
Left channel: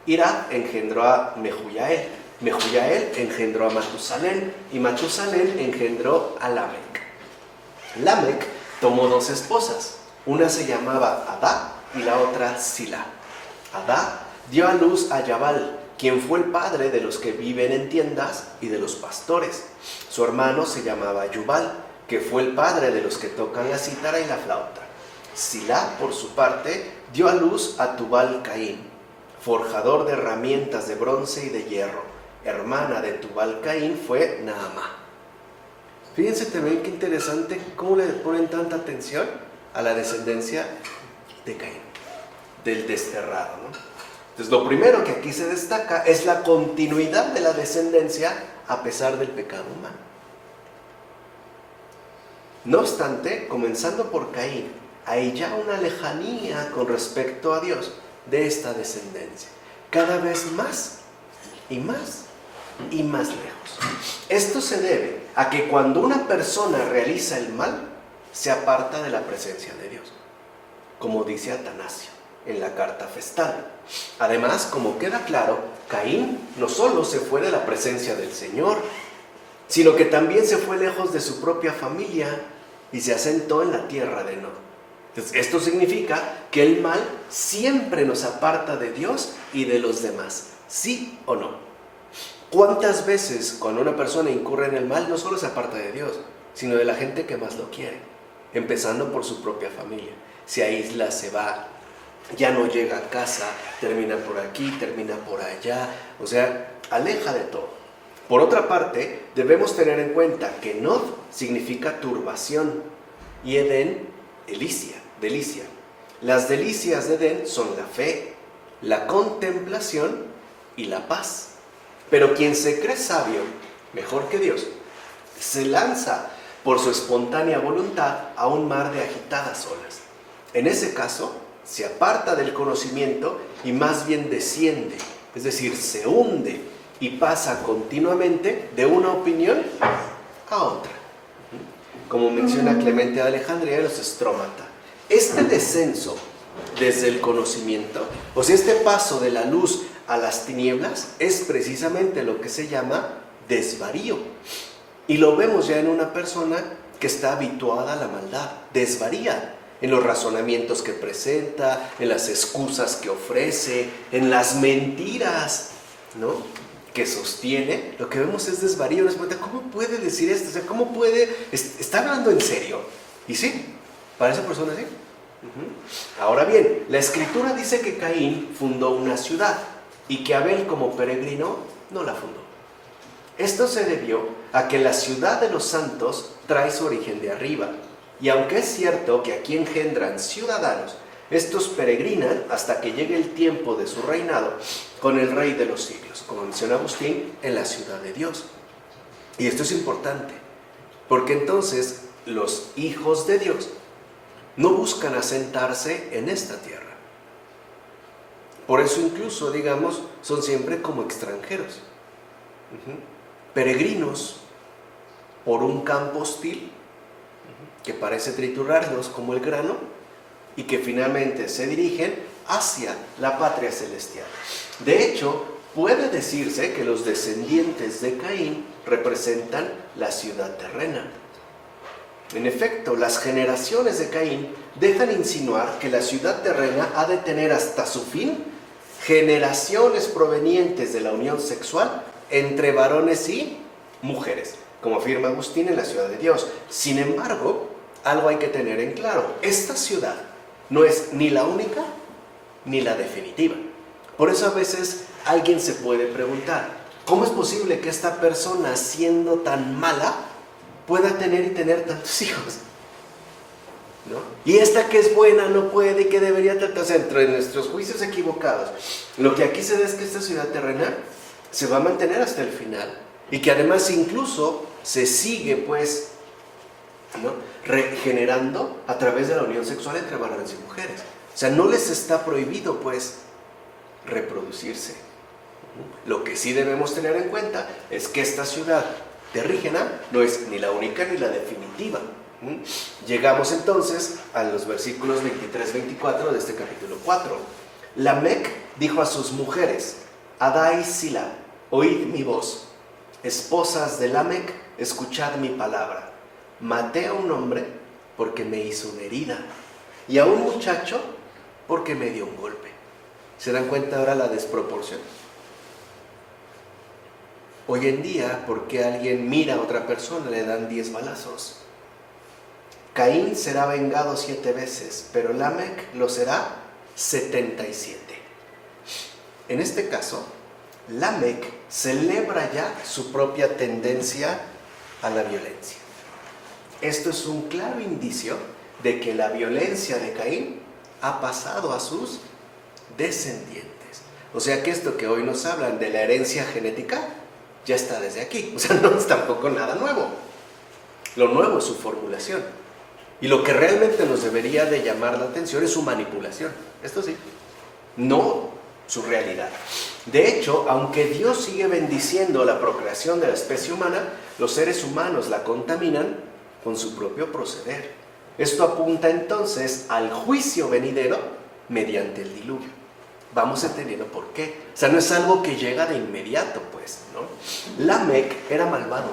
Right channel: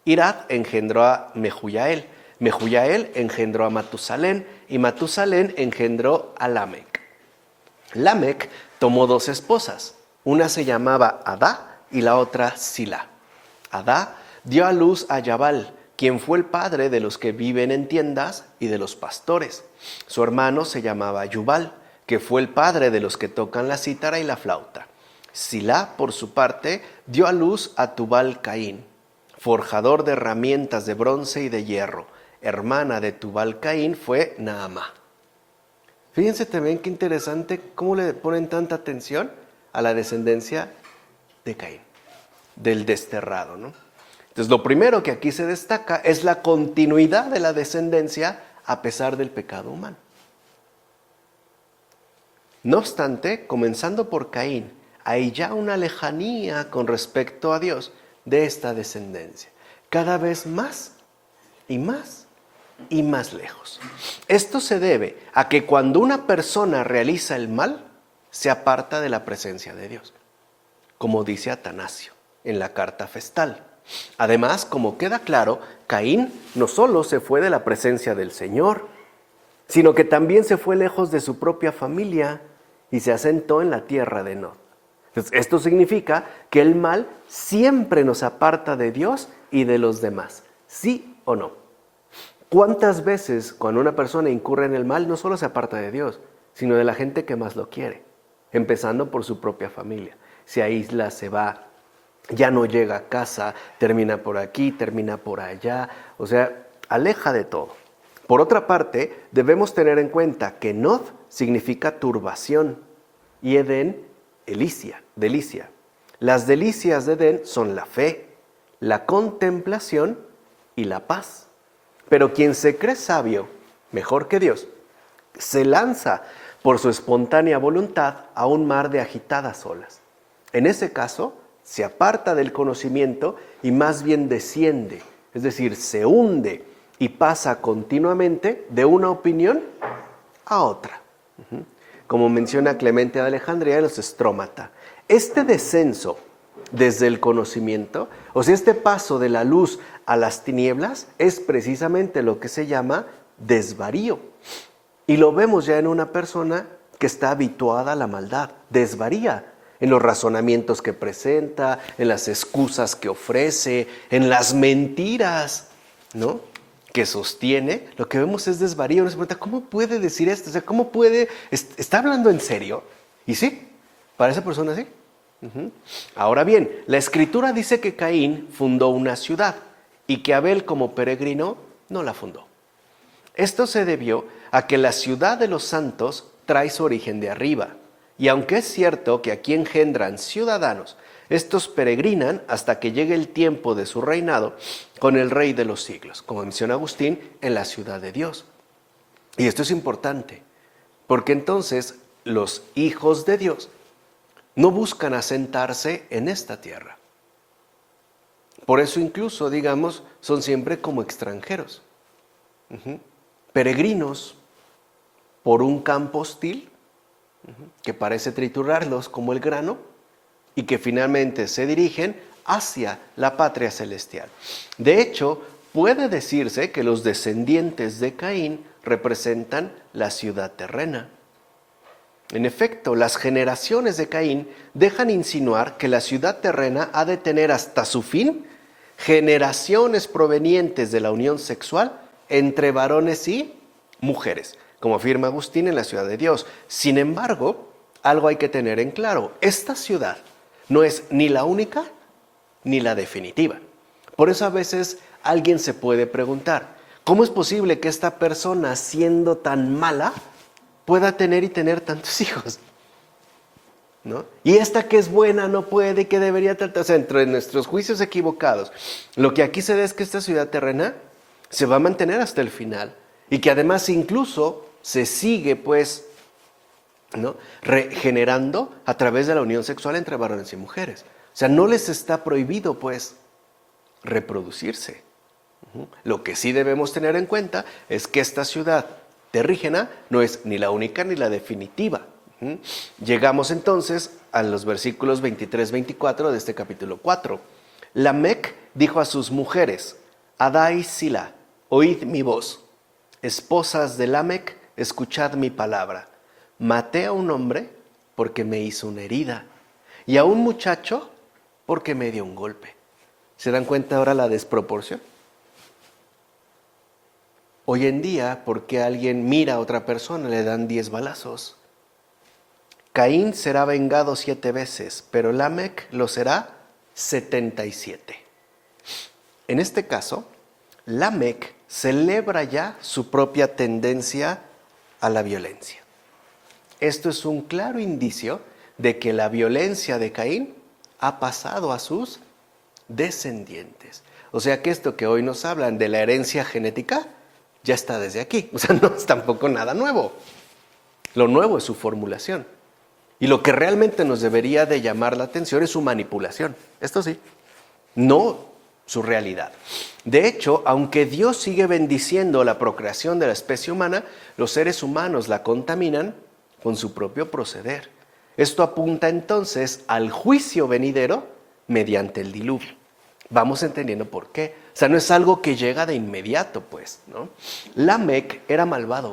Irad engendró a Mehujael. Mehujael engendró a Matusalén, y Matusalén engendró a Lamec. Lamec tomó 2 esposas, una se llamaba Adá y la otra Sila. Adá dio a luz a Yabal, quien fue el padre de los que viven en tiendas y de los pastores. Su hermano se llamaba Yubal, que fue el padre de los que tocan la cítara y la flauta. Silá, por su parte, dio a luz a Tubal Caín, forjador de herramientas de bronce y de hierro. Hermana de Tubal Caín fue Naamá. Fíjense también qué interesante cómo le ponen tanta atención a la descendencia de Caín, del desterrado, ¿no? Entonces, lo primero que aquí se destaca es la continuidad de la descendencia a pesar del pecado humano. No obstante, comenzando por Caín, hay ya una lejanía con respecto a Dios de esta descendencia, cada vez más y más y más lejos. Esto se debe a que cuando una persona realiza el mal, se aparta de la presencia de Dios, como dice Atanasio en la carta festal. Además, como queda claro, Caín no solo se fue de la presencia del Señor, sino que también se fue lejos de su propia familia y se asentó en la tierra de Nod. Entonces, esto significa que el mal siempre nos aparta de Dios y de los demás, ¿sí o no? ¿Cuántas veces cuando una persona incurre en el mal no solo se aparta de Dios, sino de la gente que más lo quiere? Empezando por su propia familia. Se aísla, se va, ya no llega a casa, termina por aquí, termina por allá, o sea, aleja de todo. Por otra parte, debemos tener en cuenta que Nod significa turbación y Edén, delicia. Las delicias de Edén son la fe, la contemplación y la paz. Pero quien se cree sabio, mejor que Dios, se lanza por su espontánea voluntad a un mar de agitadas olas. En ese caso, se aparta del conocimiento y más bien desciende, es decir, se hunde y pasa continuamente de una opinión a otra. Como menciona Clemente de Alejandría en los Estrómata. Este descenso desde el conocimiento, o sea, este paso de la luz a las tinieblas, es precisamente lo que se llama desvarío. Y lo vemos ya en una persona que está habituada a la maldad, desvaría en los razonamientos que presenta, en las excusas que ofrece, en las mentiras, ¿no?, que sostiene. Lo que vemos es desvarío. Nos pregunta, ¿cómo puede decir esto? O sea, ¿cómo puede? ¿Está hablando en serio? Y sí, para esa persona sí. Ahora bien, la Escritura dice que Caín fundó una ciudad y que Abel, como peregrino, no la fundó. Esto se debió a que la ciudad de los santos trae su origen de arriba. Y aunque es cierto que aquí engendran ciudadanos, estos peregrinan hasta que llegue el tiempo de su reinado con el Rey de los siglos, como menciona Agustín, en la ciudad de Dios. Y esto es importante, porque entonces los hijos de Dios no buscan asentarse en esta tierra. Por eso incluso, digamos, son siempre como extranjeros, peregrinos por un campo hostil que parece triturarlos como el grano y que finalmente se dirigen hacia la patria celestial. De hecho, puede decirse que los descendientes de Caín representan la ciudad terrena. En efecto, las generaciones de Caín dejan insinuar que la ciudad terrena ha de tener hasta su fin generaciones provenientes de la unión sexual entre varones y mujeres, como afirma Agustín en la ciudad de Dios. Sin embargo, algo hay que tener en claro: esta ciudad no es ni la única ni la definitiva. Por eso a veces alguien se puede preguntar, ¿cómo es posible que esta persona, siendo tan mala, pueda tener y tener tantos hijos? ¿No? Y esta que es buena no puede y que debería tratarse entre nuestros juicios equivocados. Lo que aquí se ve es que esta ciudad terrena se va a mantener hasta el final y que además incluso se sigue pues, ¿no?, regenerando a través de la unión sexual entre varones y mujeres. O sea, no les está prohibido pues reproducirse. Lo que sí debemos tener en cuenta es que esta ciudad terrígena no es ni la única ni la definitiva. Llegamos entonces a los versículos 23-24 de este capítulo 4. Lamec dijo a sus mujeres: Adá y Sila, oíd mi voz. Esposas de Lamec, escuchad mi palabra. Maté a un hombre porque me hizo una herida, y a un muchacho porque me dio un golpe. ¿Se dan cuenta ahora la desproporción? Hoy en día, porque alguien mira a otra persona, le dan 10 balazos. Caín será vengado 7 veces, pero Lamec lo será 77. En este caso, Lamec celebra ya su propia tendencia a la violencia. Esto es un claro indicio de que la violencia de Caín ha pasado a sus descendientes. O sea que esto que hoy nos hablan de la herencia genética ya está desde aquí. O sea, no es tampoco nada nuevo. Lo nuevo es su formulación. Y lo que realmente nos debería de llamar la atención es su manipulación. Esto sí, no su realidad. De hecho, aunque Dios sigue bendiciendo la procreación de la especie humana, los seres humanos la contaminan con su propio proceder. Esto apunta entonces al juicio venidero mediante el diluvio. Vamos entendiendo por qué. O sea, no es algo que llega de inmediato, pues, ¿no? Lamec era malvado.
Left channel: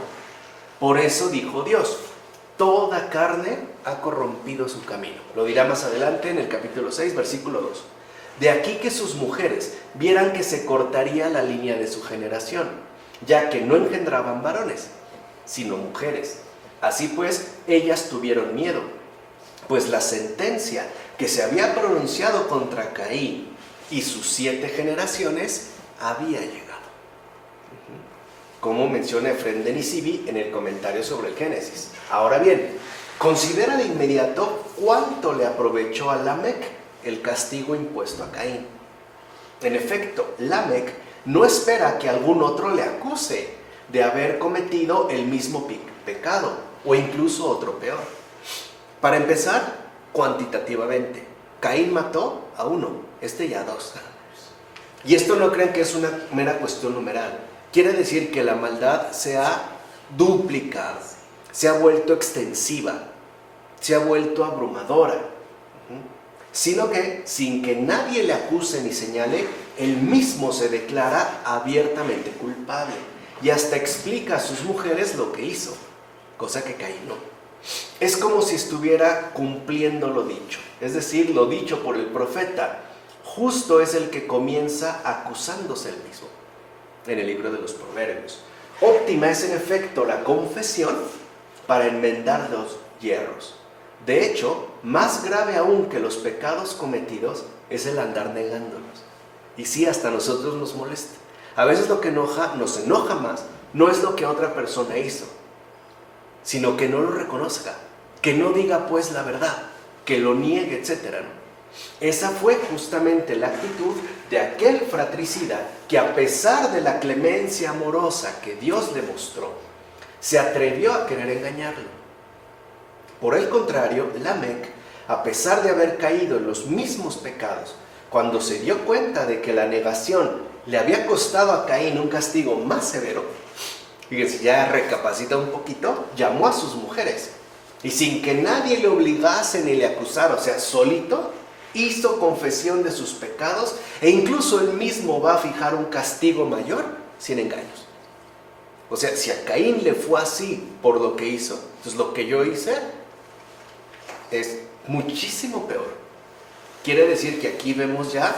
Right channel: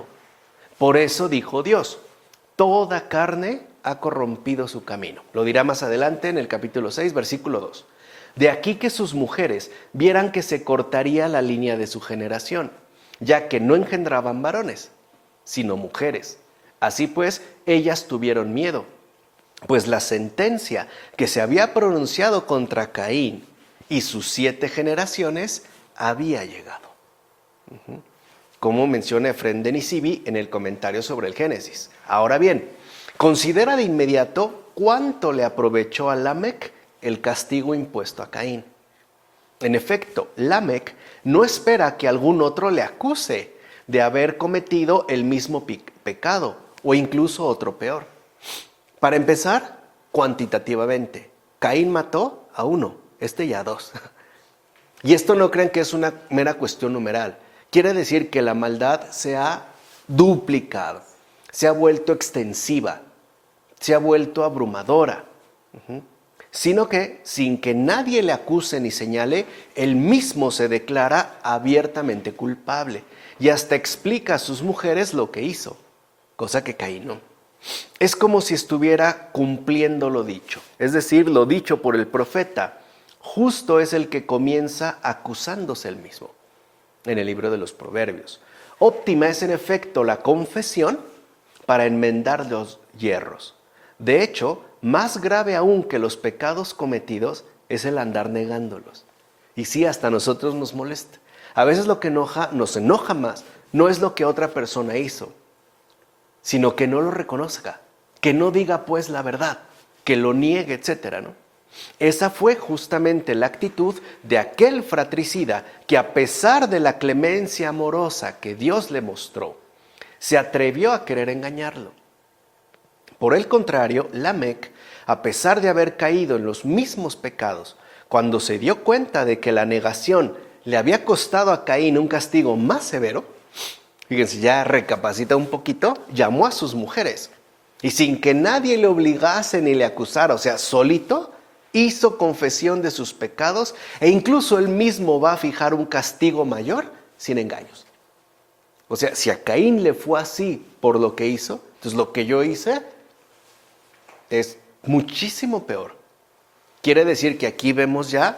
Por eso dijo Dios: toda carne ha corrompido su camino. Lo dirá más adelante en el capítulo 6, versículo 2. De aquí que sus mujeres vieran que se cortaría la línea de su generación, ya que no engendraban varones, sino mujeres. Así pues, ellas tuvieron miedo, pues la sentencia que se había pronunciado contra Caín y sus 7 generaciones había llegado. Como menciona Efrén de Nisibi en el comentario sobre el Génesis. Ahora bien, considera de inmediato cuánto le aprovechó a Lamec el castigo impuesto a Caín. En efecto, Lamec no espera que algún otro le acuse de haber cometido el mismo pecado o incluso otro peor. Para empezar, cuantitativamente, Caín mató a 1, ya a 2. Y esto no crean que es una mera cuestión numeral. Quiere decir que la maldad se ha duplicado, se ha vuelto extensiva, se ha vuelto abrumadora. Sino que, sin que nadie le acuse ni señale, él mismo se declara abiertamente culpable y hasta explica a sus mujeres lo que hizo, cosa que Caín no. Es como si estuviera cumpliendo lo dicho, es decir, lo dicho por el profeta. Justo es el que comienza acusándose él mismo en el libro de los Proverbios. Óptima es en efecto la confesión para enmendar los yerros. De hecho, más grave aún que los pecados cometidos es el andar negándolos. Y sí, hasta a nosotros nos molesta. A veces lo que nos enoja más no es lo que otra persona hizo, sino que no lo reconozca, que no diga pues la verdad, que lo niegue, etcétera, ¿no? Esa fue justamente la actitud de aquel fratricida que, a pesar de la clemencia amorosa que Dios le mostró, se atrevió a querer engañarlo. Por el contrario, Lamec, a pesar de haber caído en los mismos pecados, cuando se dio cuenta de que la negación le había costado a Caín un castigo más severo, fíjense, ya recapacita un poquito, llamó a sus mujeres y, sin que nadie le obligase ni le acusara, o sea, solito, hizo confesión de sus pecados, e incluso él mismo va a fijar un castigo mayor sin engaños. O sea, si a Caín le fue así por lo que hizo, entonces lo que yo hice es muchísimo peor. Quiere decir que aquí vemos ya,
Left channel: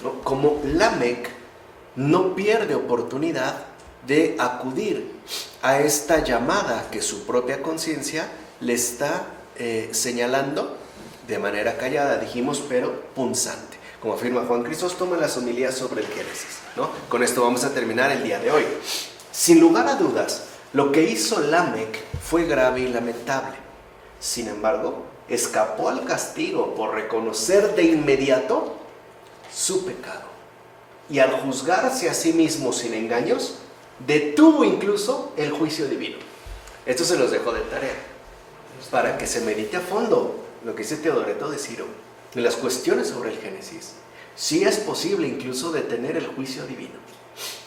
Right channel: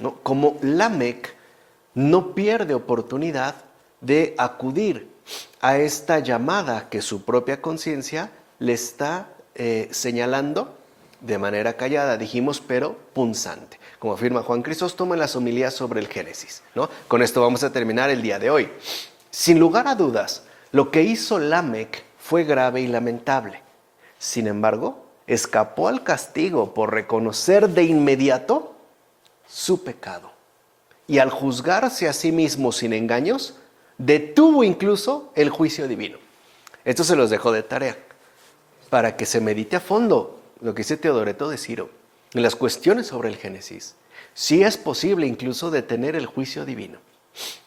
¿no?, cómo Lamec no pierde oportunidad de acudir a esta llamada que su propia conciencia le está señalando de manera callada, dijimos, pero punzante, como afirma Juan Crisóstomo en las homilías sobre el Génesis, ¿no? Con esto vamos a terminar el día de hoy. Sin lugar a dudas, lo que hizo Lamec fue grave y lamentable. Sin embargo, escapó al castigo por reconocer de inmediato su pecado. Y al juzgarse a sí mismo sin engaños, detuvo incluso el juicio divino. Esto se los dejo de tarea, para que se medite a fondo lo que dice Teodoreto de Ciro en las cuestiones sobre el Génesis. Sí es posible incluso detener el juicio divino.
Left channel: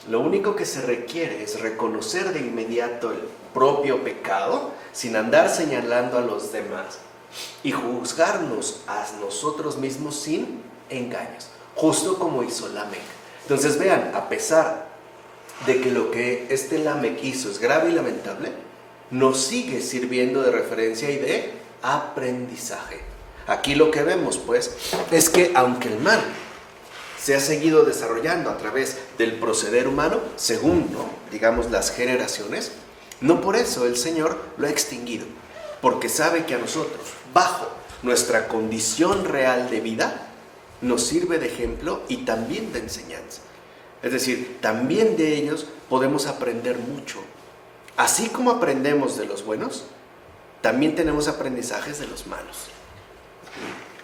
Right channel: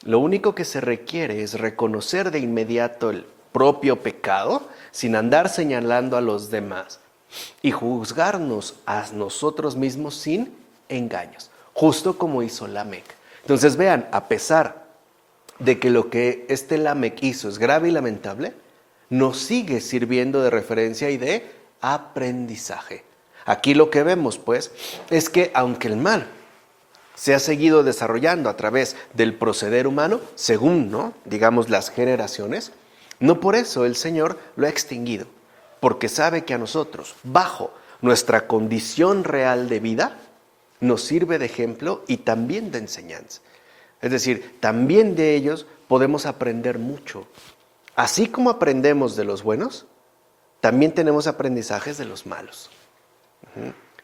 Lo único que se requiere es reconocer de inmediato el propio pecado, sin andar señalando a los demás, y juzgarnos a nosotros mismos sin engaños, justo como hizo Lamec. Entonces vean, a pesar de que lo que este Lamec hizo es grave y lamentable, nos sigue sirviendo de referencia y de aprendizaje. Aquí lo que vemos, pues, es que aunque el mal se ha seguido desarrollando a través del proceder humano, según, ¿no?, digamos, las generaciones, no por eso el Señor lo ha extinguido, porque sabe que a nosotros, bajo nuestra condición real de vida, nos sirve de ejemplo y también de enseñanza. Es decir, también de ellos podemos aprender mucho. Así como aprendemos de los buenos, también tenemos aprendizajes de los malos.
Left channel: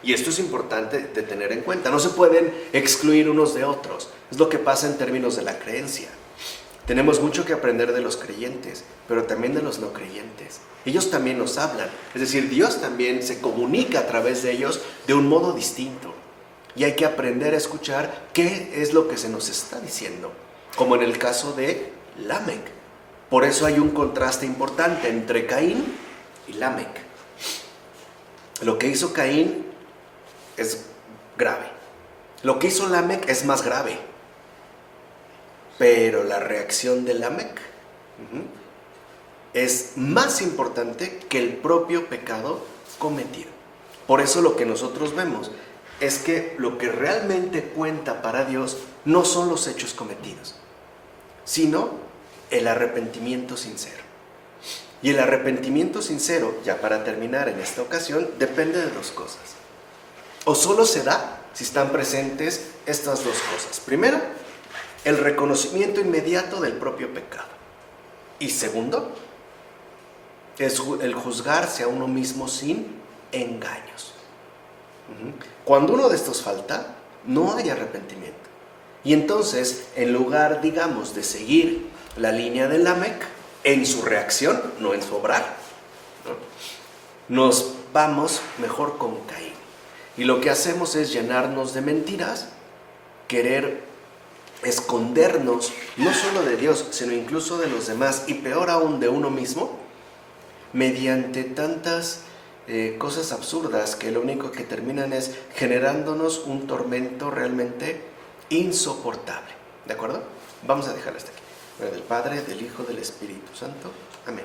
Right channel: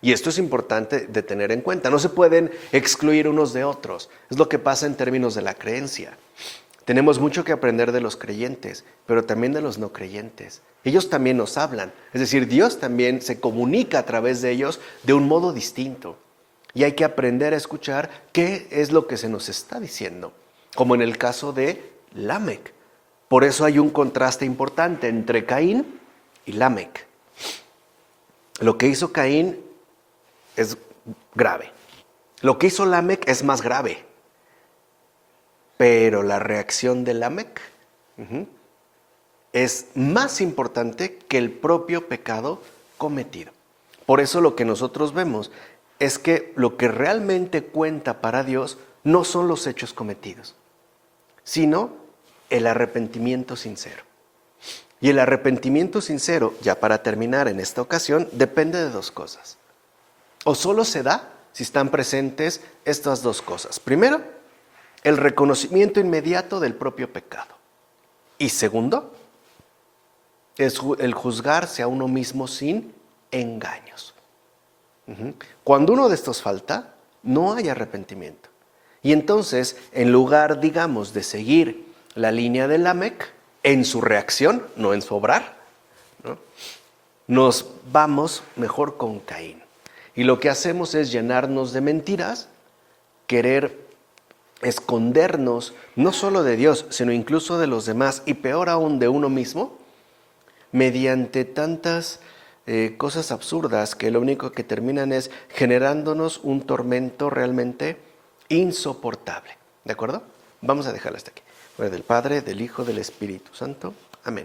Y esto es importante de tener en cuenta. No se pueden excluir unos de otros. Es lo que pasa en términos de la creencia. Tenemos mucho que aprender de los creyentes, pero también de los no creyentes. Ellos también nos hablan. Es decir, Dios también se comunica a través de ellos de un modo distinto. Y hay que aprender a escuchar qué es lo que se nos está diciendo. Como en el caso de Lamec. Por eso hay un contraste importante entre Caín y Lamec. Lo que hizo Caín es grave. Lo que hizo Lamec es más grave. Pero la reacción de Lamec es más importante que el propio pecado cometido. Por eso lo que nosotros vemos es que lo que realmente cuenta para Dios no son los hechos cometidos, sino el arrepentimiento sincero. Y el arrepentimiento sincero, ya para terminar en esta ocasión, depende de dos cosas. O solo se da si están presentes estas dos cosas. Primero, el reconocimiento inmediato del propio pecado. Y segundo, es el juzgarse a uno mismo sin engaños. Cuando uno de estos falta, no hay arrepentimiento. Y entonces, en lugar, digamos, de seguir la línea de Lamec en su reacción, no en su obrar, ¿no?, nos vamos mejor con Caín. Y lo que hacemos es llenarnos de mentiras, querer escondernos no solo de Dios, sino incluso de los demás, y peor aún de uno mismo, mediante tantas cosas absurdas que lo único que terminan es generándonos un tormento realmente insoportable. ¿De acuerdo? Vamos a dejarlo hasta aquí. Del Padre, del Hijo, del Espíritu Santo. Amén.